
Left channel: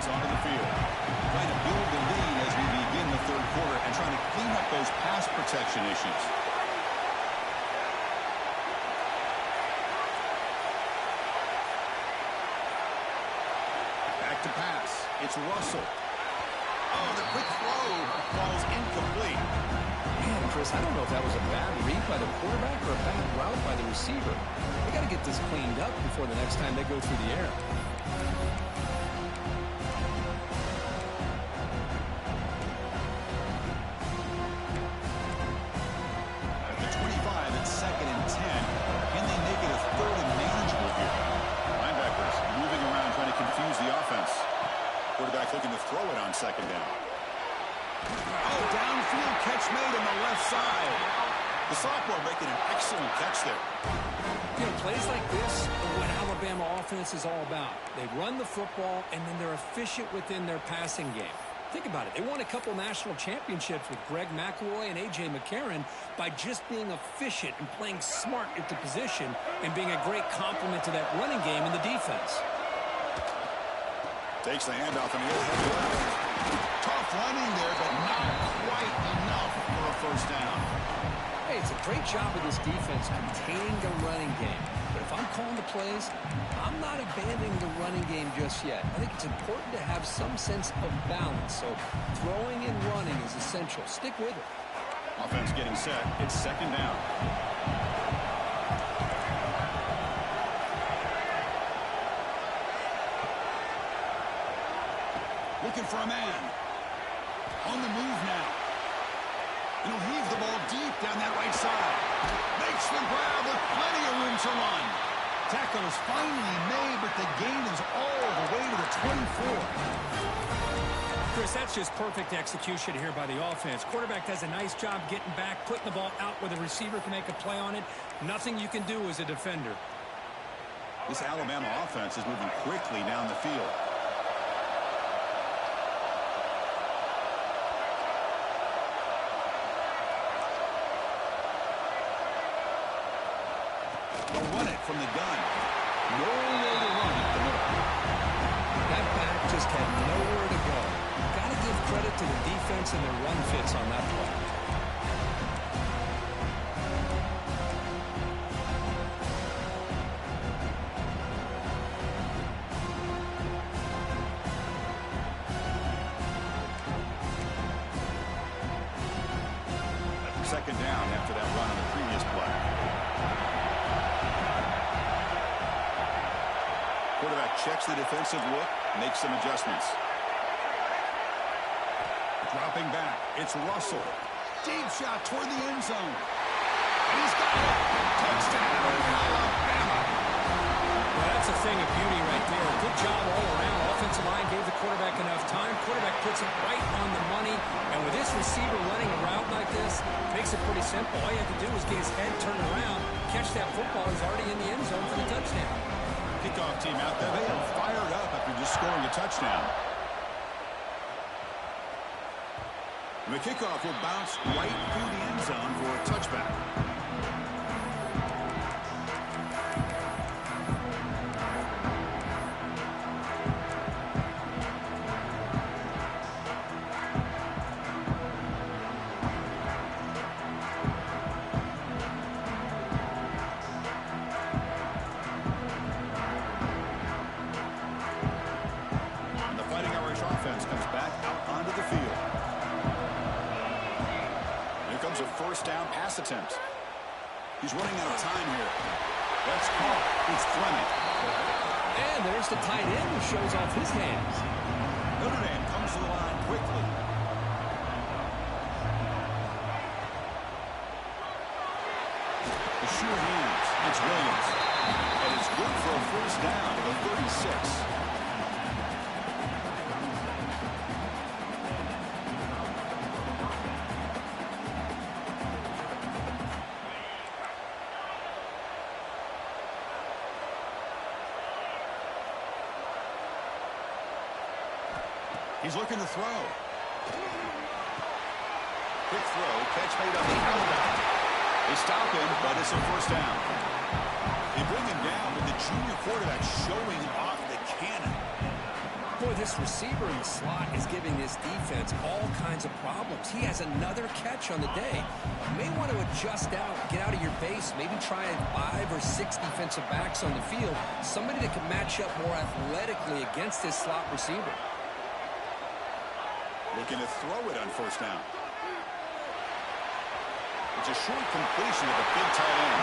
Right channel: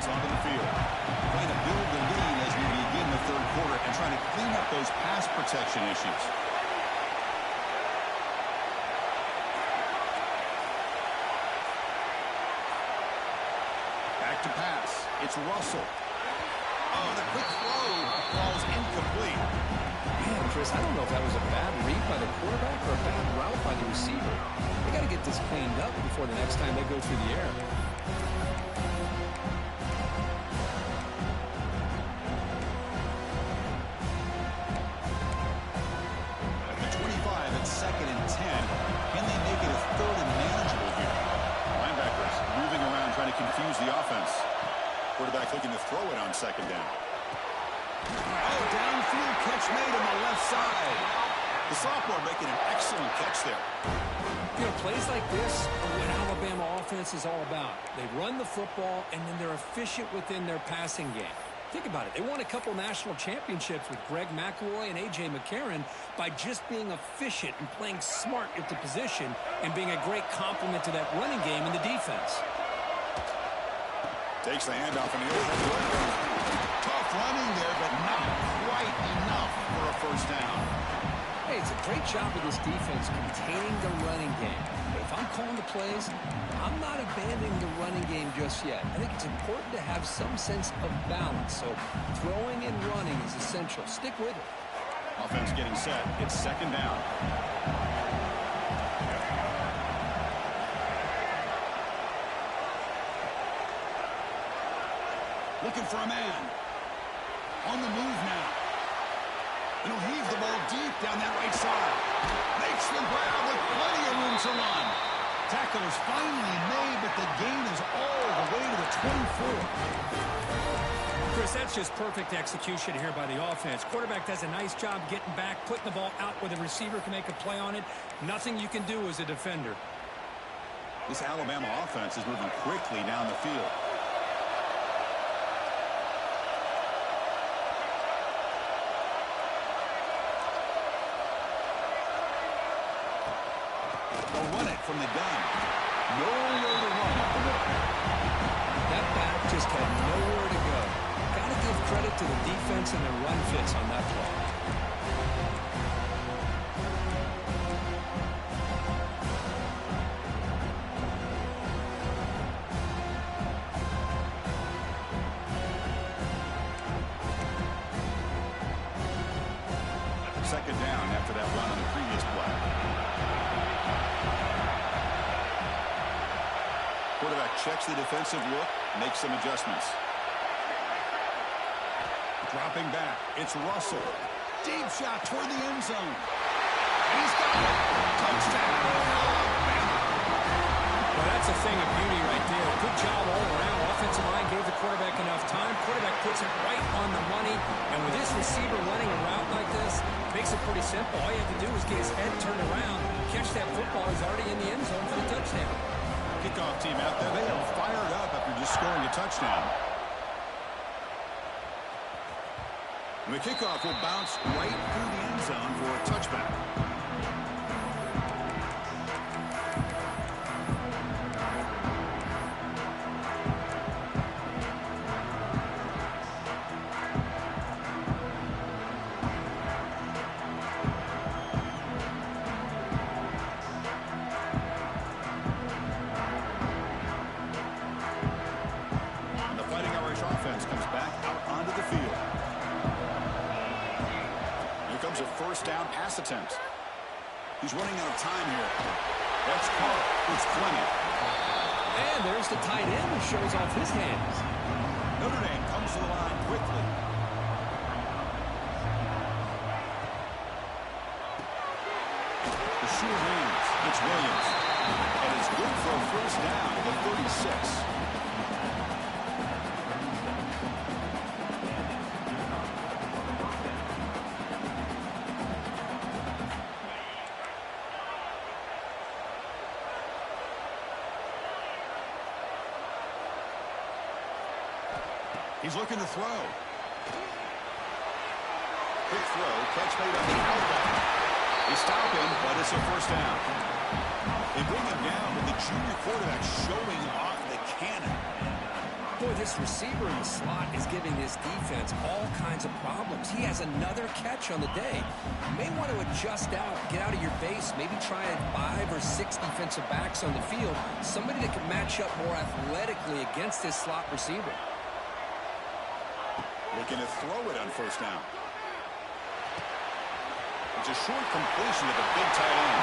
Onto the field. Trying to build the lead as we begin the third quarter and trying to clean up those pass protection issues. Back to pass. It's Russell. Oh, the quick throw falls incomplete. Man, Chris, I don't know if that was a bad read by the quarterback or a bad route by the receiver. They got to get this cleaned up before the next time they go through the air. At the 25, it's second and 10. Can they make it a third and manageable here? Linebackers moving around trying to confuse the offense. Quarterback looking to throw it on second down. Oh, downfield catch made on the left side. The sophomore making an excellent catch there. You know, plays like this are what Alabama offense is all about. They run the football, and then they're efficient within their passing game. Think about it. They won a couple national championships with Greg McElroy and A.J. McCarron by just being efficient and playing smart at the position and being a great complement to that running game in the defense. Takes the handoff in the overhead left. Tough running there, but not quite enough for a first down. Hey, it's a great job of this defense containing the running game. But if I'm calling the plays, I'm not abandoning the running game just yet. I think it's important to have some sense of balance. So throwing and running is essential. Stick with it. Offense getting set. It's second down. Looking for a man. On the move now. And he'll heave the ball deep down that right side. Makes the grab with plenty of room to run. Tackle is finally made, but the gain is all the way to the 24. Chris, that's just perfect execution here by the offense. Quarterback does a nice job getting back, putting the ball out where the receiver can make a play on it. Nothing you can do as a defender. This Alabama offense is moving quickly down the field. They'll run it from the gun. Nowhere to run up the middle. That back just had nowhere to go. Got to give credit to the defense and their run fits on that play. Second down after that run on the previous play. Quarterback checks the defensive look, makes some adjustments. Dropping back, it's Russell. Deep shot toward the end zone. And he's got it. Touchdown, Alabama. Well, that's a thing of beauty right there. Good job all around. Offensive line gave the quarterback enough time. Quarterback puts it right on the money. And with this receiver running a route like this, makes it pretty simple. All you have to do is get his head turned around, catch that football. He's already in the end zone for the touchdown. Kickoff team out there. They are fired up after just scoring a touchdown. The kickoff will bounce right through the end zone for a touchback. Offense comes back out onto the field. Here comes a first down pass attempt. He's running out of time here. That's caught. It's Fleming. And there's the tight end who shows off his hands. Notre Dame comes to the line quickly. The short hands. It's Williams. And it's good for a first down at the 36. He's looking to throw. Quick throw, catch made on the outbound. They stop him, but it's a first down. They bring him down with the junior quarterback showing off the cannon. Boy, this receiver in the slot is giving this defense all kinds of problems. He has another catch on the day. You may want to adjust out, get out of your base, maybe try 5 or 6 defensive backs on the field, somebody that can match up more athletically against this slot receiver. Looking to throw it on first down. It's a short completion to the big tight end.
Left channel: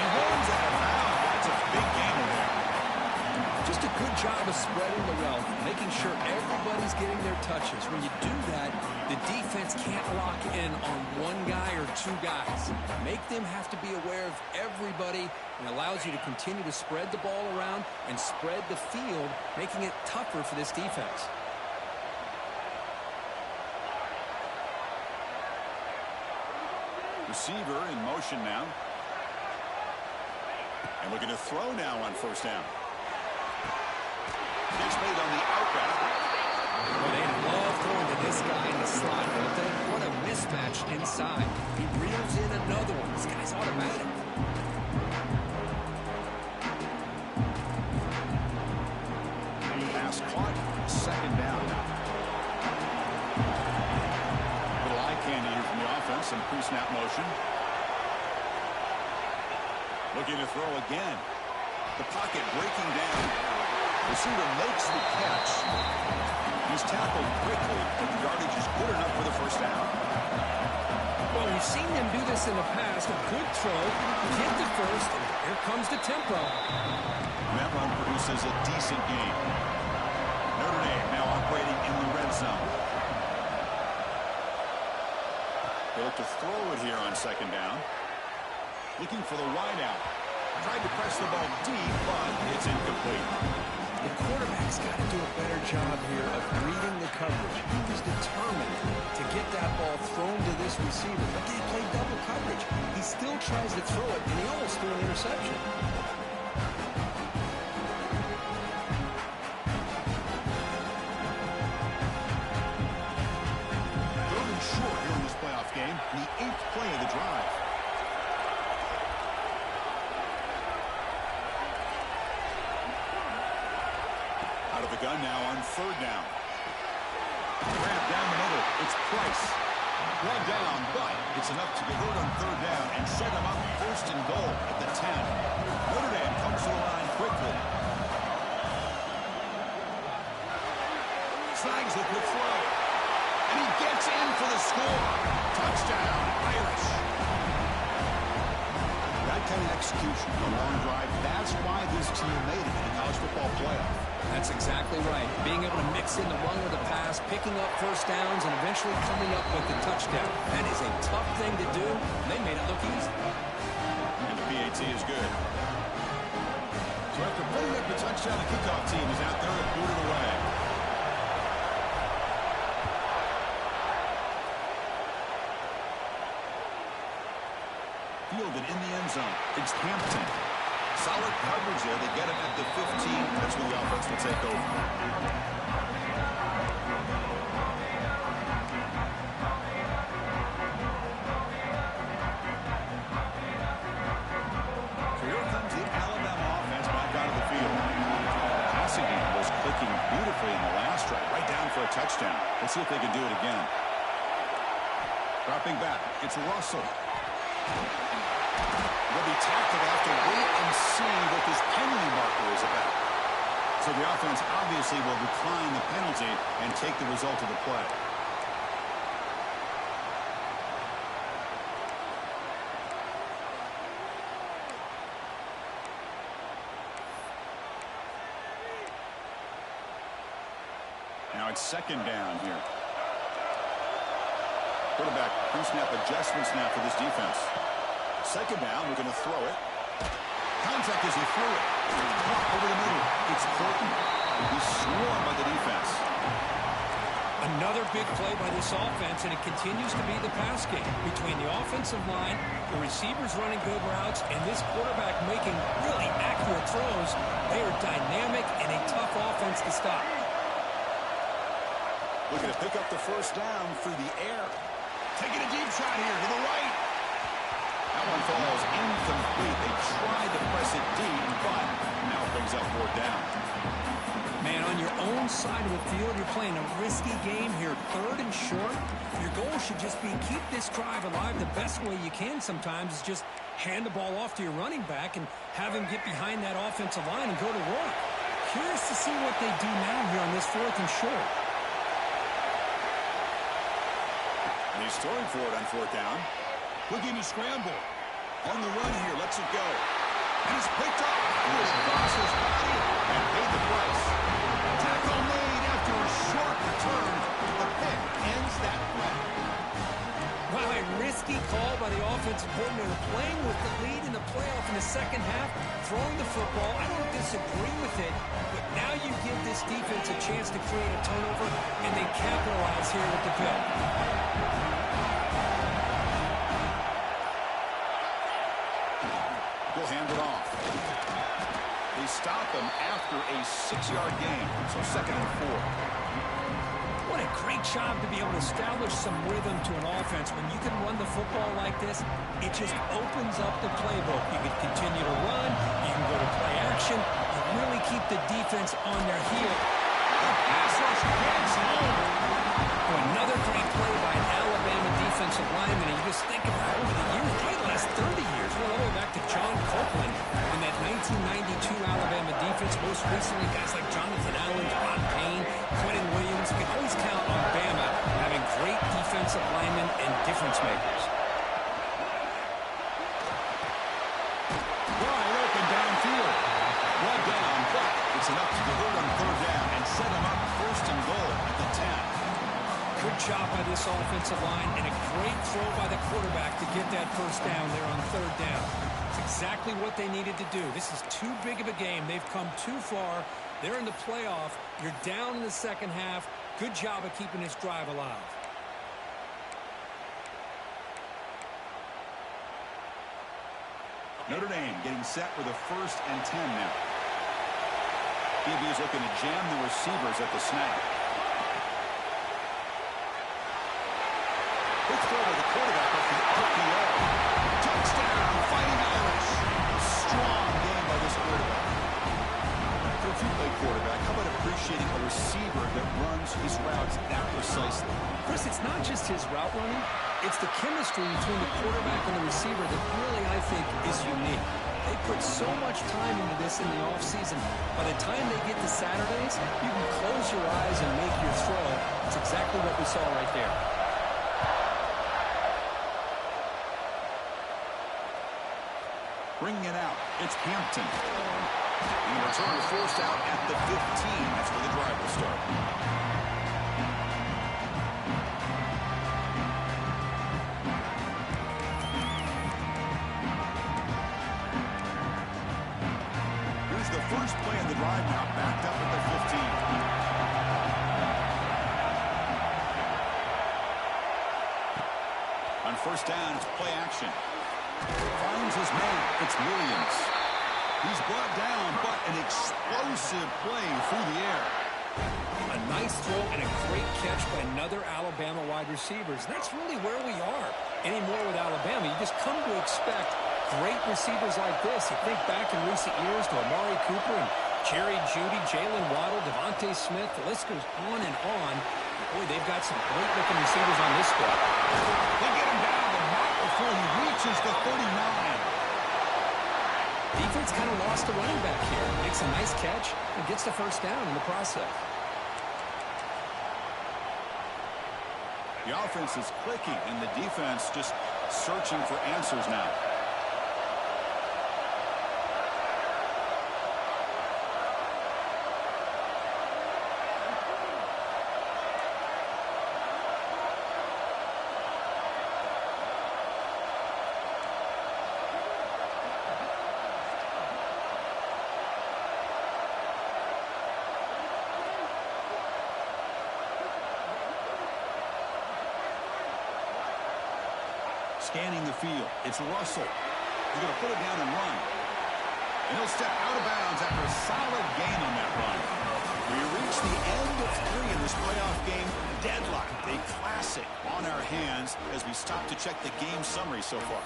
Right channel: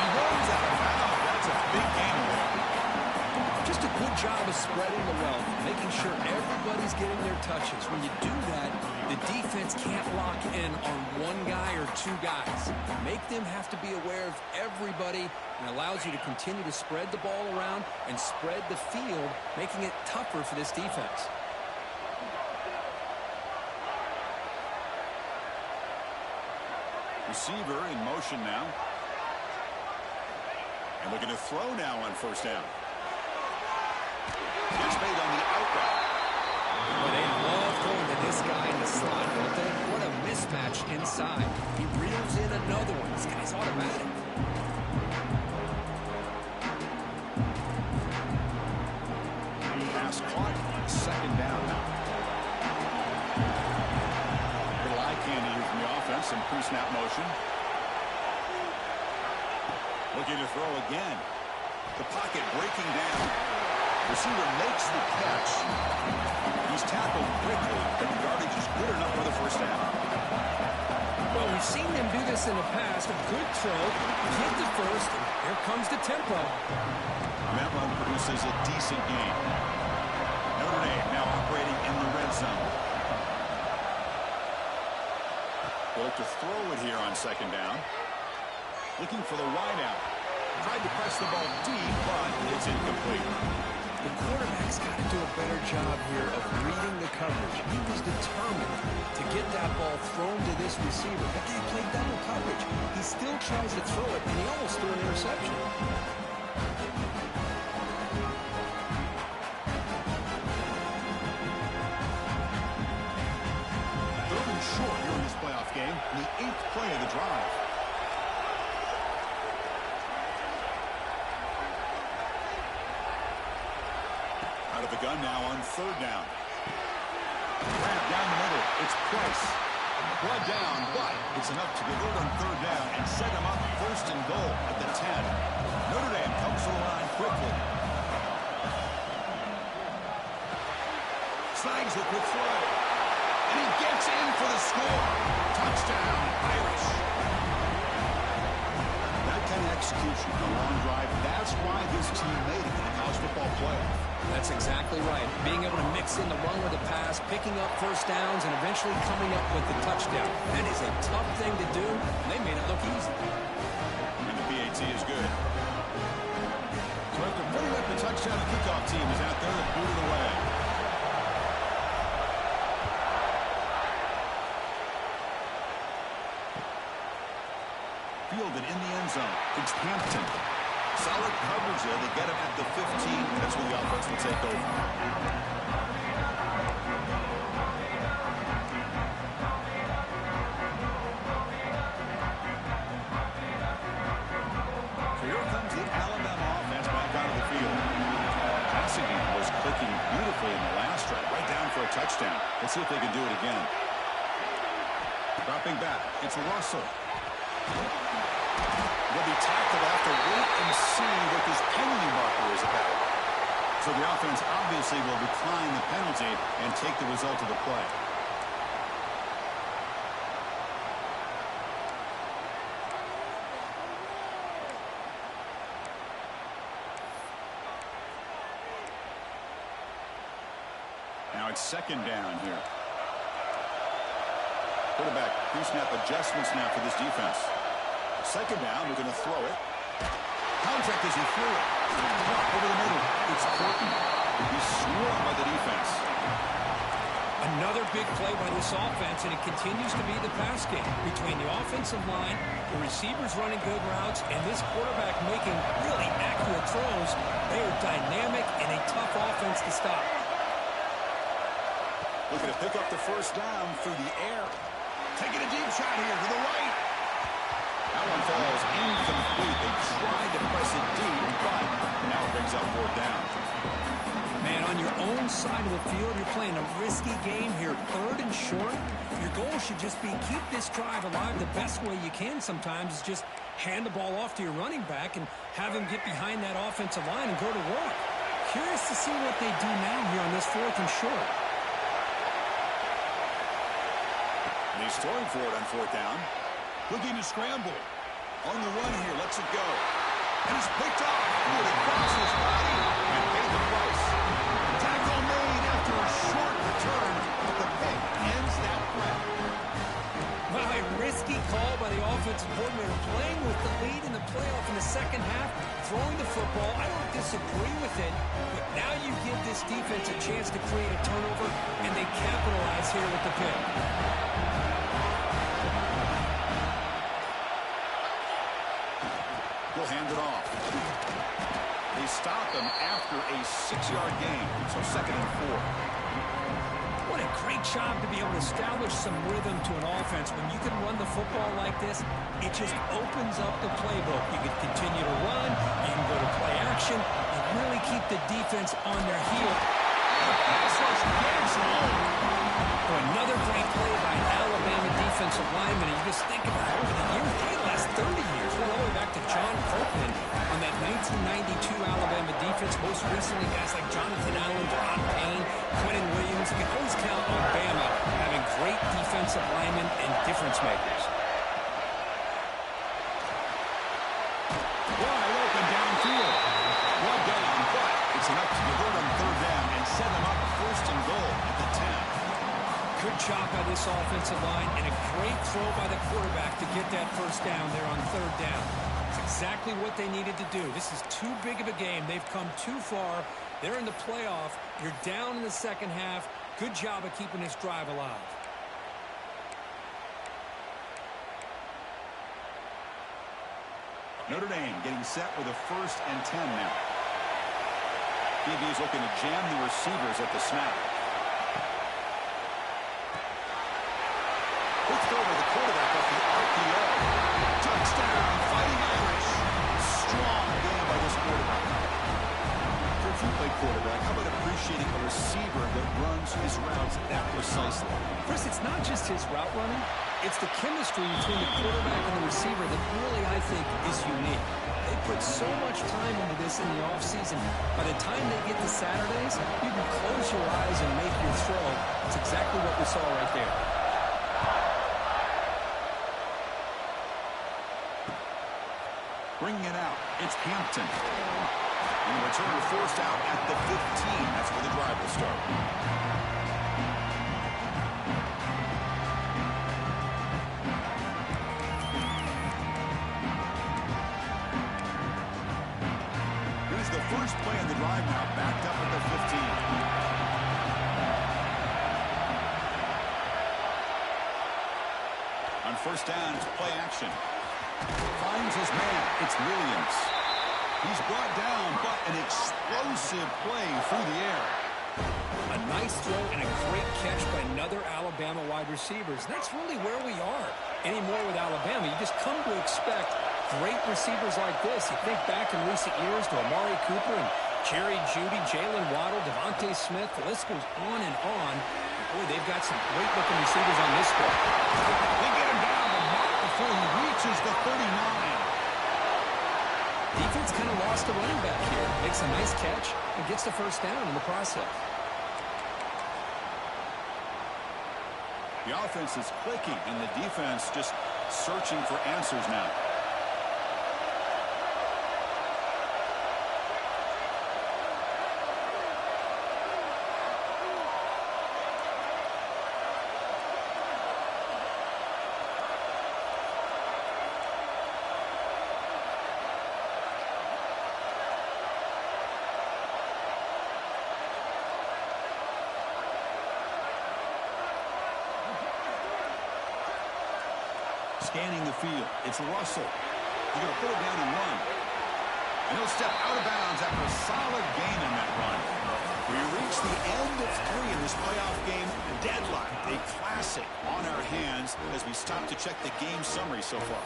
He runs out of bounds. That's a big gainer there. Just a good job of spreading the wealth, making sure everybody's getting their touches. When you do that, the defense can't lock in on one guy or two guys. Make them have to be aware of everybody, and allows you to continue to spread the ball around and spread the field, making it tougher for this defense. Receiver in motion now. And looking to throw now on first down. Gets made on the out route. Boy, they love throwing to this guy in the slot, don't they? What a mismatch inside. He reels in another one. This guy's automatic. Pass caught. Second down now. Little eye candy here from the offense. Some pre-snap motion. Looking to throw again. The pocket breaking down. Receiver makes the catch. He's tackled quickly, but the yardage is good enough for the first down. Well, we've seen them do this in the past. A good throw, get the first, and here comes the tempo. That run produces a decent game. Notre Dame now operating in the red zone. They look to throw it here on second down. Looking for the wideout. Tried to press the ball deep, but it's incomplete. The quarterback's got to do a better job here of reading the coverage. He was determined to get that ball thrown to this receiver, but they played double coverage. He still tries to throw it, and he almost threw an interception. Third and short here in this playoff game, the 8th play of the drive. Out of the gun now on third down. Grab down the middle. It's Price. Blood down, but it's enough to convert on third down and set him up first and goal at the 10. Notre Dame comes to the line quickly. Snags the quick throw. And he gets in for the score. Touchdown, Irish. That kind of execution, the long drive, that's why this team made it in the college football playoff. That's exactly right. Being able to mix in the run with the pass, picking up first downs, and eventually coming up with the touchdown. That is a tough thing to do, and they made it look easy. And the PAT is good. So after putting up the touchdown, the kickoff team is out there to boot it away. Fielded in the end zone. It's Hampton. Solid coverage there. They get him at the 15. That's where the offense will take over. So here comes the Alabama offense back out of the field. Passing game was clicking beautifully in the last drive. Right down for a touchdown. Let's see if they can do it again. Dropping back. It's Russell. They'll be tackled. They'll have to wait and see what this penalty marker is about. So the offense obviously will decline the penalty and take the result of the play. Now it's second down here. Quarterback pre-snap adjustments now for this defense. Second down, we're going to throw it. Contact as he threw it. Caught over the middle. It's Portland. He's swarmed by the defense. Another big play by this offense, and it continues to be the pass game between the offensive line, the receivers running good routes, and this quarterback making really accurate throws. They are dynamic and a tough offense to stop. Looking to pick up the first down through the air. Taking a deep shot here to the right. That one falls incomplete. They tried to press it deep, but now it brings up fourth down. Man, on your own side of the field, you're playing a risky game here. Third and short. Your goal should just be keep this drive alive. The best way you can sometimes is just hand the ball off to your running back and have him get behind that offensive line and go to work. Curious to see what they do now here on this fourth and short. And he's throwing for it on fourth down. Looking to scramble. On the run here, lets it go. And it's picked off. Threw it across his body and paid the price. Tackle made after a short return, but the pick ends that threat. Wow, a risky call by the offensive coordinator, playing with the lead in the playoff in the second half, throwing the football. I don't disagree with it, but now you give this defense a chance to create a turnover, and they capitalize here with the pick. He'll hand it off. They stop him after a 6-yard gain, so 2nd and 4. What a great job to be able to establish some rhythm to an offense. When you can run the football like this, it just opens up the playbook. You can continue to run. You can go to play action. You really keep the defense on their heel. The pass rush gets home. Another great play by an Alabama defensive lineman. And you just think about it over the years, probably the last 30 years, going all the way back to John Copeland on that 1992 Alabama defense. Most recently, guys like Jonathan Allen, Deron Payne, Quentin Williams. You can always count on Bama having great defensive linemen and difference makers. Wide open downfield. Brought down, but it's enough to convert on 3rd down and set him up 1st and goal at the 10. Good job by this offensive line and a great throw by the quarterback to get that 1st down there on 3rd down. It's exactly what they needed to do. This is too big of a game. They've come too far. They're in the playoff. You're down in the second half. Good job of keeping this drive alive. Notre Dame getting set with a 1st and 10 now. DB is looking to jam the receivers at the snap. Quick throw to the quarterback off the RPO. Touchdown, Fighting Irish. Strong game by this quarterback. If you play quarterback, how about appreciating a receiver that runs his routes that precisely? Chris, it's not just his route running. It's the chemistry between the quarterback and the receiver that really, I think, is unique. They put so much time into this in the offseason. By the time they get to Saturdays, you can close your eyes and make your throw. It's exactly what we saw right there. Bringing it out, it's Hampton. And the return forced out at the 15. That's where the drive will start. Here's the first play of the drive now, backed up at the 15. On 1st down, it's play action. Finds his man. It's Williams. He's brought down, but an explosive play through the air. A nice throw and a great catch by another Alabama wide receivers. That's really where we are anymore with Alabama. You just come to expect great receivers like this. You think back in recent years to Amari Cooper and Jerry Jeudy, Jalen Waddle, Devontae Smith. The list goes on and on. Boy, they've got some great-looking receivers on this squad. They get him down, but not before he reaches the 39. Defense kind of lost the running back here. Makes a nice catch and gets the 1st down in the process. The offense is clicking, and the defense just searching for answers now. Scanning the field. It's Russell. He's going to put it down and run. And he'll step out of bounds after a solid gain on that run. We reach the end of 3 in this playoff game. Deadlocked. A classic on our hands as we stop to check the game summary so far.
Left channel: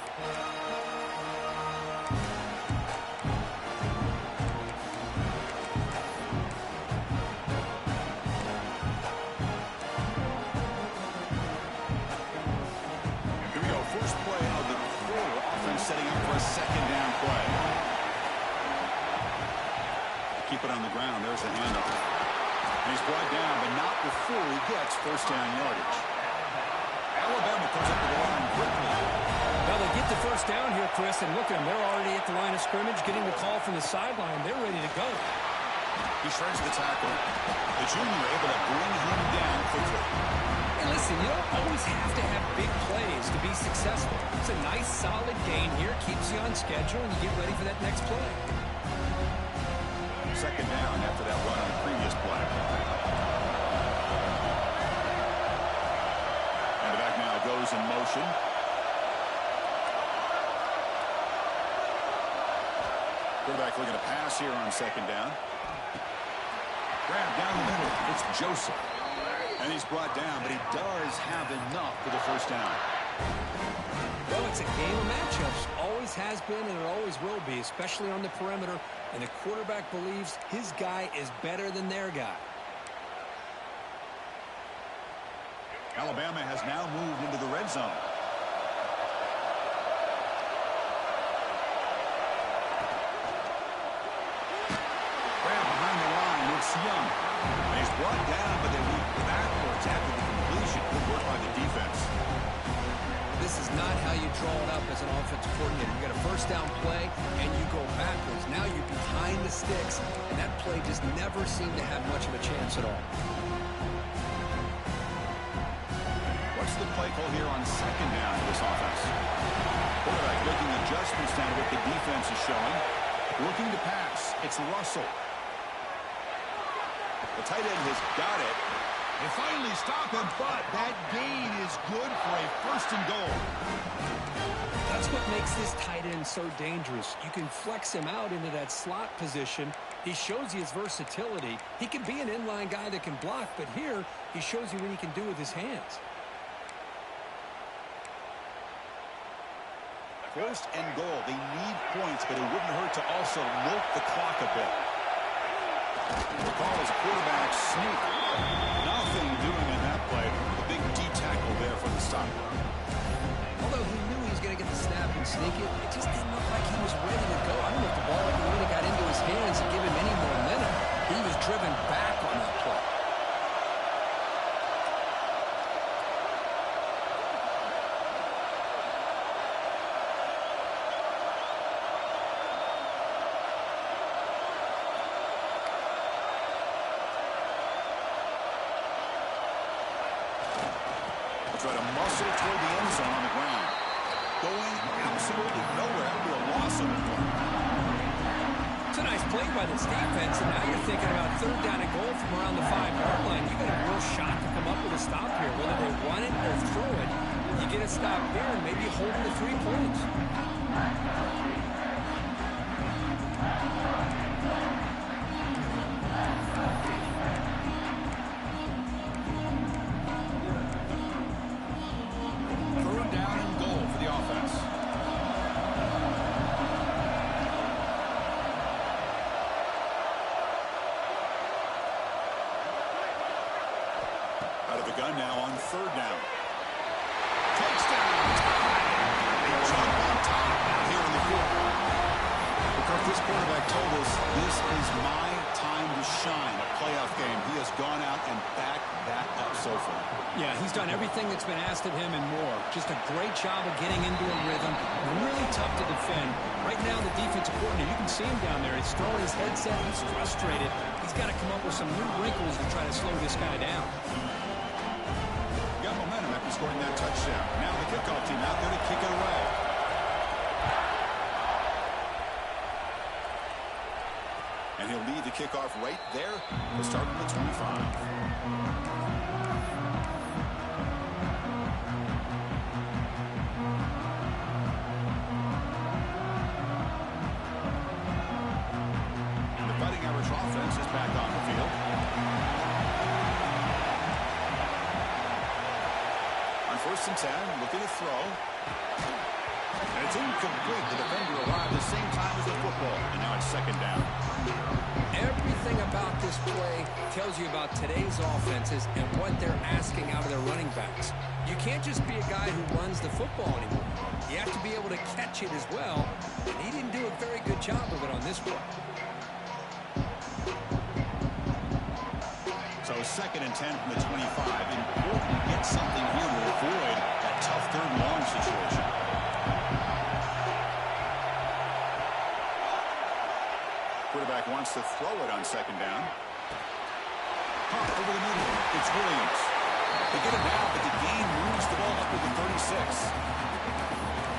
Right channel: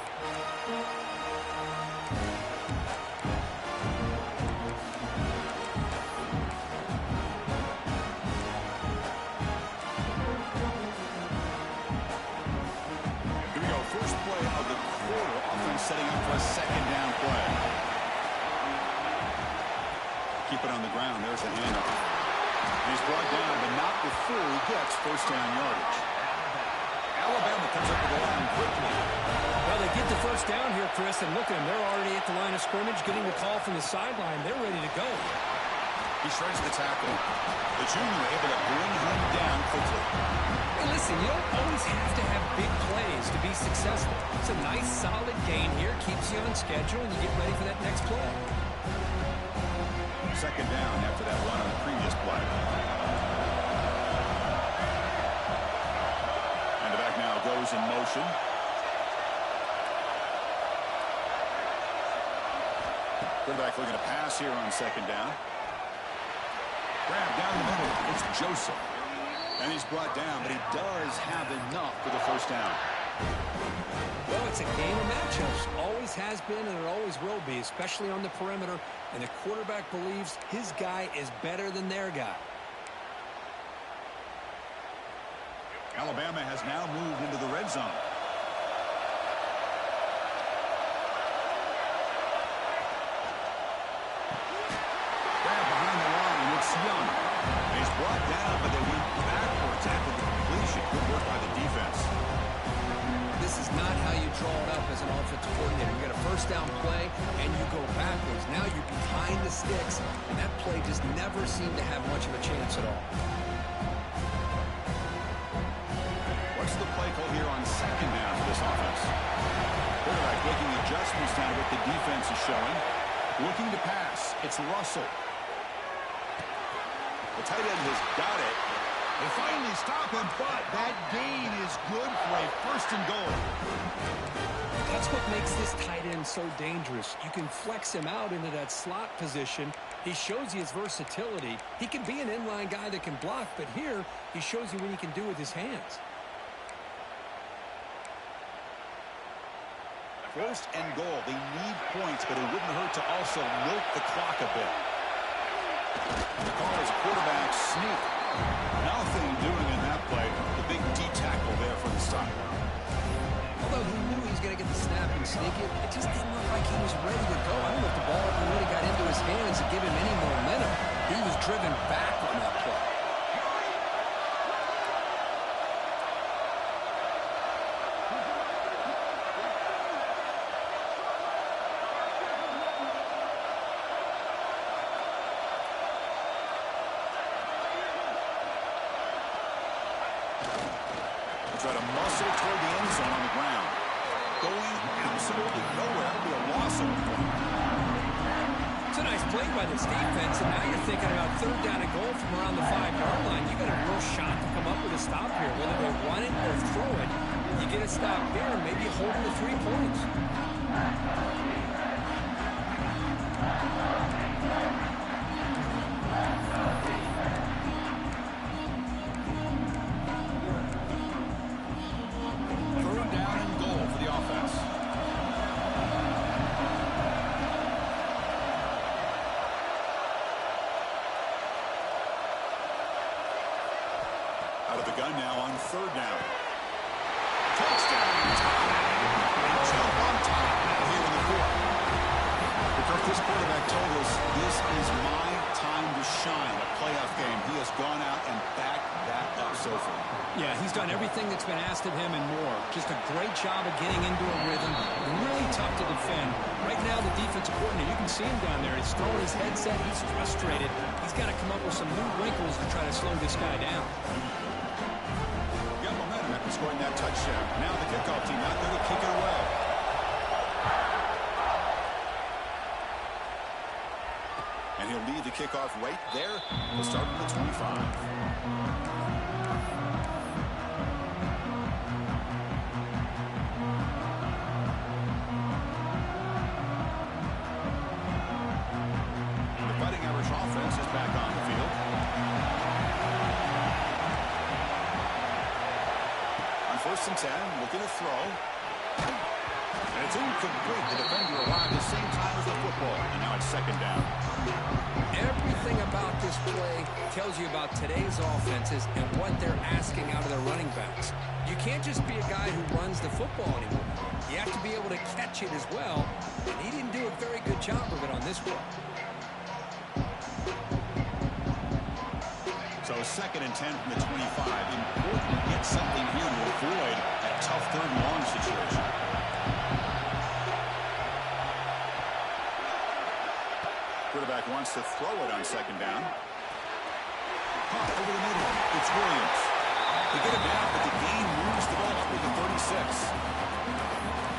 First play of the quarter, offense setting up for a 2nd down play. Keep it on the ground. There's the handoff. And he's brought down, but not before he gets 1st down yardage. Alabama comes up with the line quickly. Well, they get the first down here, Chris, and look at them. They're already at the line of scrimmage, getting the call from the sideline. They're ready to go. He shreds the tackle. The junior able to bring him down quickly. Hey, listen, you don't always have to have big plays to be successful. It's a nice, solid gain here. Keeps you on schedule, and you get ready for that next play. Second down after that run on the previous play. And the back now goes in motion. Quarterback looking to pass here on second down. Grab down the middle. It's Joseph. And he's brought down, but he does have enough for the first down. Well, it's a game of matchups. Always has been, and it always will be, especially on the perimeter. And the quarterback believes his guy is better than their guy. Alabama has now moved into the red zone. Grab behind the line. It's Young. And he's brought down, but they went backwards after the completion. Good work by the defense. This is not how you draw it up as an offensive coordinator. You got a first down play, and you go backwards. Now you're behind the sticks, and that play just never seemed to have much of a chance at all. What's the play call here on second down for this offense? Quarterback making adjustments down to what the defense is showing. Looking to pass. It's Russell. The tight end has got it. They finally stop him, but that gain is good for a first and goal. That's what makes this tight end so dangerous. You can flex him out into that slot position. He shows you his versatility. He can be an inline guy that can block, but here he shows you what he can do with his hands. First and goal. They need points, but it wouldn't hurt to also milk the clock a bit. The call is a quarterback sneak. Nothing doing in that play. The big D tackle there for the stop. Although he knew he was going to get the snap and sneak it, it just didn't look like he was ready to go. I don't know if the ball ever really got into his hands to give him any momentum. He was driven back on that play. Try to muscle toward the end zone on the ground. Going absolutely nowhere. That would be a loss of a play. It's a nice play by this defense, and now you're thinking about third down and goal from around the 5-yard line. You got a real shot to come up with a stop here, whether they run it or throw it. You get a stop here and maybe hold them to 3 points. Out of the gun now on third down. Touchdown, tie. They jump on top now here in the fourth. Because this quarterback told us this is my time to shine, a playoff game. He has gone out and backed that up so far. Yeah, he's done everything that's been asked of him and more. Just a great job of getting into a rhythm. Really tough to defend. Right now, the defensive coordinator, you can see him down there. He's throwing his headset. He's frustrated. He's got to come up with some new wrinkles to try to slow this guy down. Got momentum after scoring that touchdown. Now the kickoff team out there to kick it away. And he'll lead the kickoff right there. We'll start from the 25. And the Fighting Irish offense is back on the field. On 1st and 10, looking to throw. And it's incomplete. The defender arrived at the same time as the football. And now it's second down. Everything about this play tells you about today's offenses and what they're asking out of their running backs. You can't just be a guy who runs the football anymore. You have to be able to catch it as well. And he didn't do a very good job of it on this play. So 2nd and 10 from the 25. Important to get something here to avoid that tough third and long situation. wants to throw it on second down. Caught over the middle. It's Williams. They get it now, but the gain moves the ball up to the 36.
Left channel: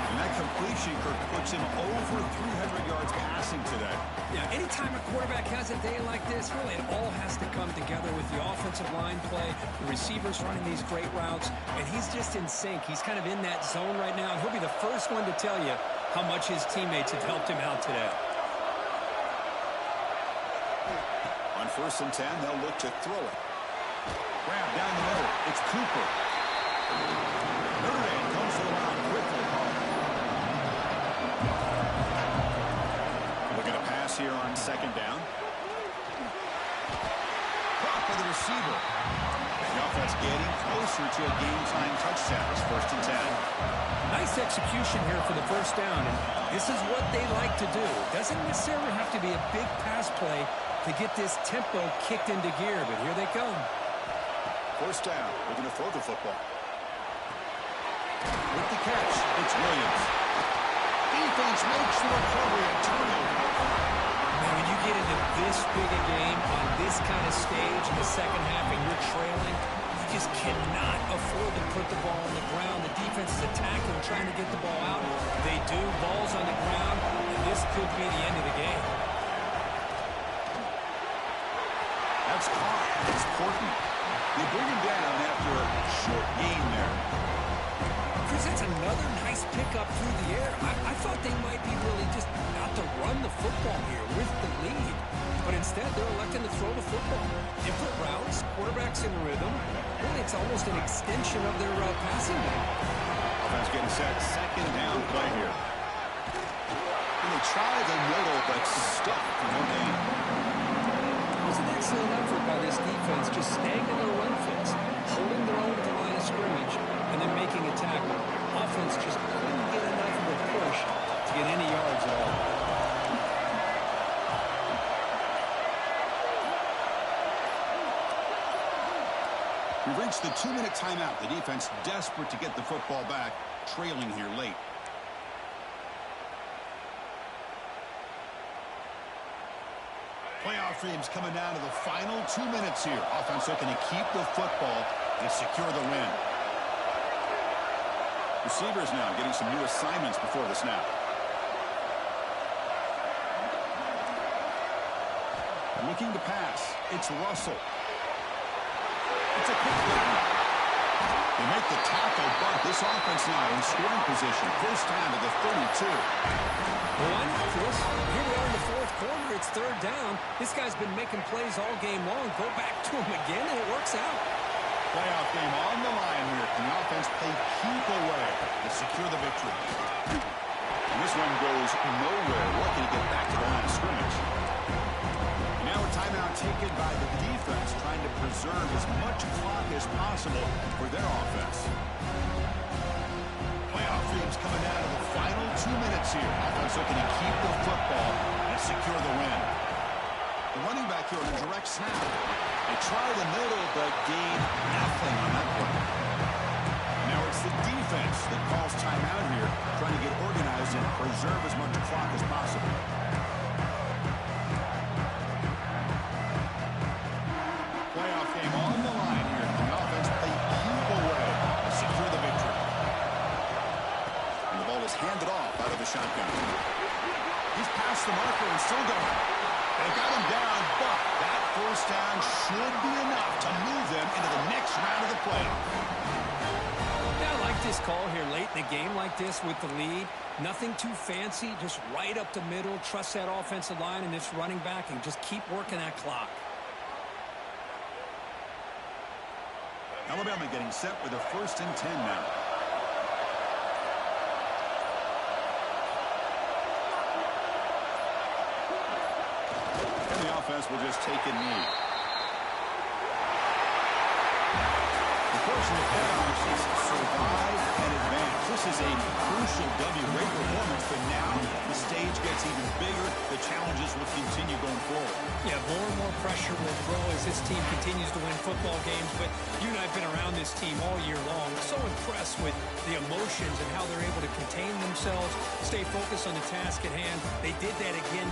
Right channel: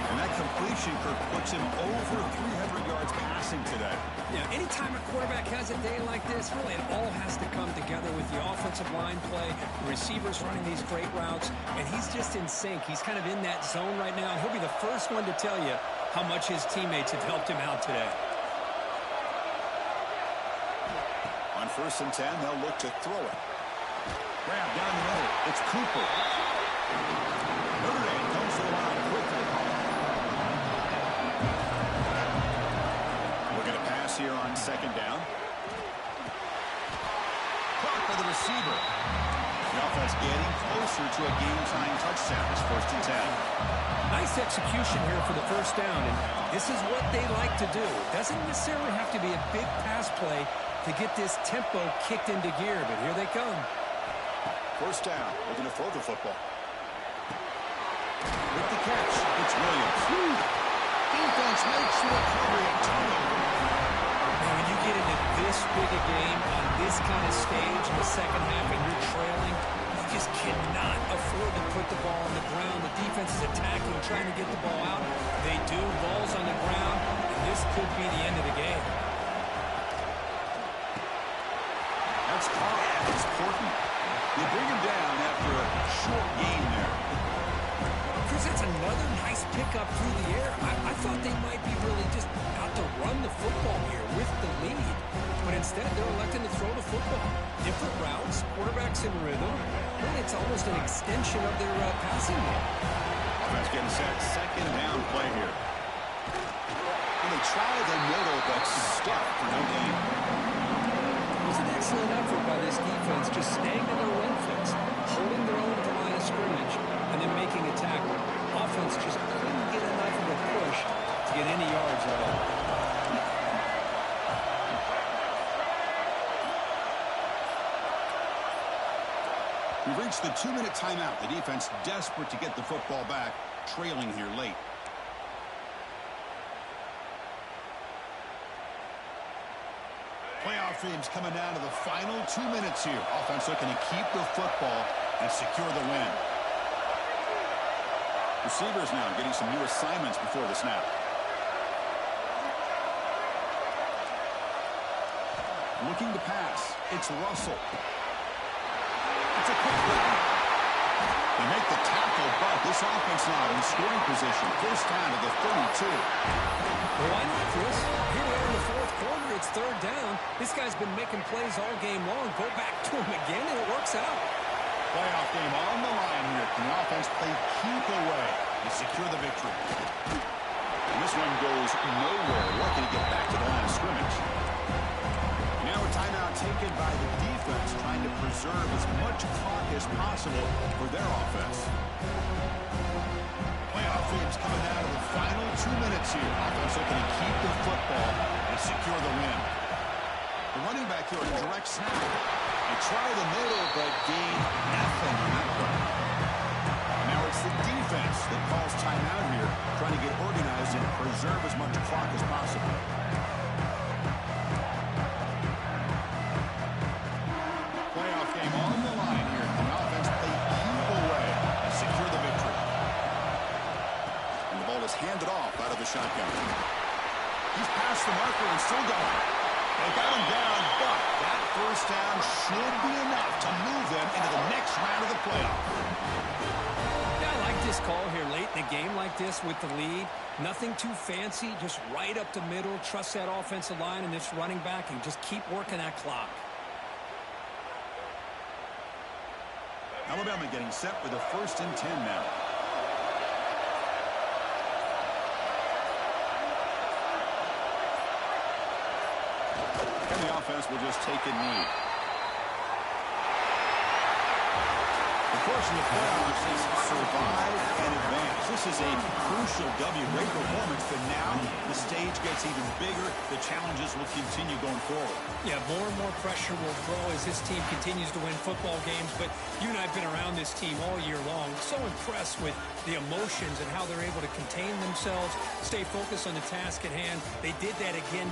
And that completion, Kirk, puts him over 300 yards passing today. Yeah, anytime a quarterback has a day like this, really it all has to come together with the offensive line play, the receivers running these great routes, and he's just in sync. He's kind of in that zone right now, and he'll be the first one to tell you how much his teammates have helped him out today. On 1st and 10, they'll look to throw it. Grab down the middle. It's Cooper. Notre Dame comes to the line quickly. Looking to pass here on second down. Caught by the receiver. The offense getting closer to a game-time touchdown. It's 1st and 10. Nice execution here for the first down, and this is what they like to do. It doesn't necessarily have to be a big pass play to get this tempo kicked into gear, but here they come. 1st down. Looking to throw the football. With the catch, it's Williams. Defense makes the recovery, a turnover. Man, when you get into this big a game on this kind of stage in the second half and you're trailing, you just cannot afford to put the ball on the ground. The defense is attacking, trying to get the ball out. They do. Ball's on the ground, and this could be the end of the game. That's caught. It's important. They bring him down after a short gain there. Chris, that's another nice pickup through the air. I thought they might be really just out to run the football here with the lead. But instead, they're electing to throw the football. Different routes, quarterbacks in rhythm. Really, it's almost an extension of their passing game. Offense getting set. Second down play here. And they try the middle, but stuck for no gain. It was an excellent effort by this defense, just staying in their run fence, holding their own at the line of scrimmage, and then making a tackle. Offense just couldn't get enough of a push to get any yards at all. We've reached the 2-minute timeout. The defense desperate to get the football back, trailing here late. Playoff dreams coming down to the final 2 minutes here. Offense looking to keep the football and secure the win. Receivers now getting some new assignments before the snap. Looking to pass. It's Russell. It's a quick one. They make the tackle, but this offense now in scoring position. 1st down to the 32. Well, why not, Chris? Here we are in the 4th quarter. It's 3rd down. This guy's been making plays all game long. Go back to him again, and it works out. Playoff game on the line here. Can the offense play keep away to secure the victory? And this one goes nowhere. Lucky to get back to the line of scrimmage. Now a timeout taken by the defense, trying to preserve as much clock as possible for their offense. Playoff dreams coming down to the final 2 minutes here. Offense looking to keep the football and secure the win. The running back here on a direct snap. They try the middle, but gain nothing on that play. And now it's the defense that calls timeout here, trying to get organized and preserve as much clock as possible. Playoff game on the line here. Can the offense play keep away and secure the victory? And the ball is handed off out of the shotgun. He's past the marker and still going. They got him down, but that 1st down should be enough to move them into the next round of the playoff. Yeah, I like this call here late in the game like this with the lead. Nothing too fancy, just right up the middle. Trust that offensive line and this running back and just keep working that clock. Alabama getting set with a 1st and 10 now. And the offense will just take a knee. Of course, in the playoffs, is survive and advance. This is a crucial W. Great performance, but now the stage gets even bigger. The challenges will continue going forward. Yeah, more and more pressure will grow as this team continues to win football games. But you and I have been around this team all year long. So impressed with the emotions and how they're able to contain themselves, stay focused on the task at hand. They did that again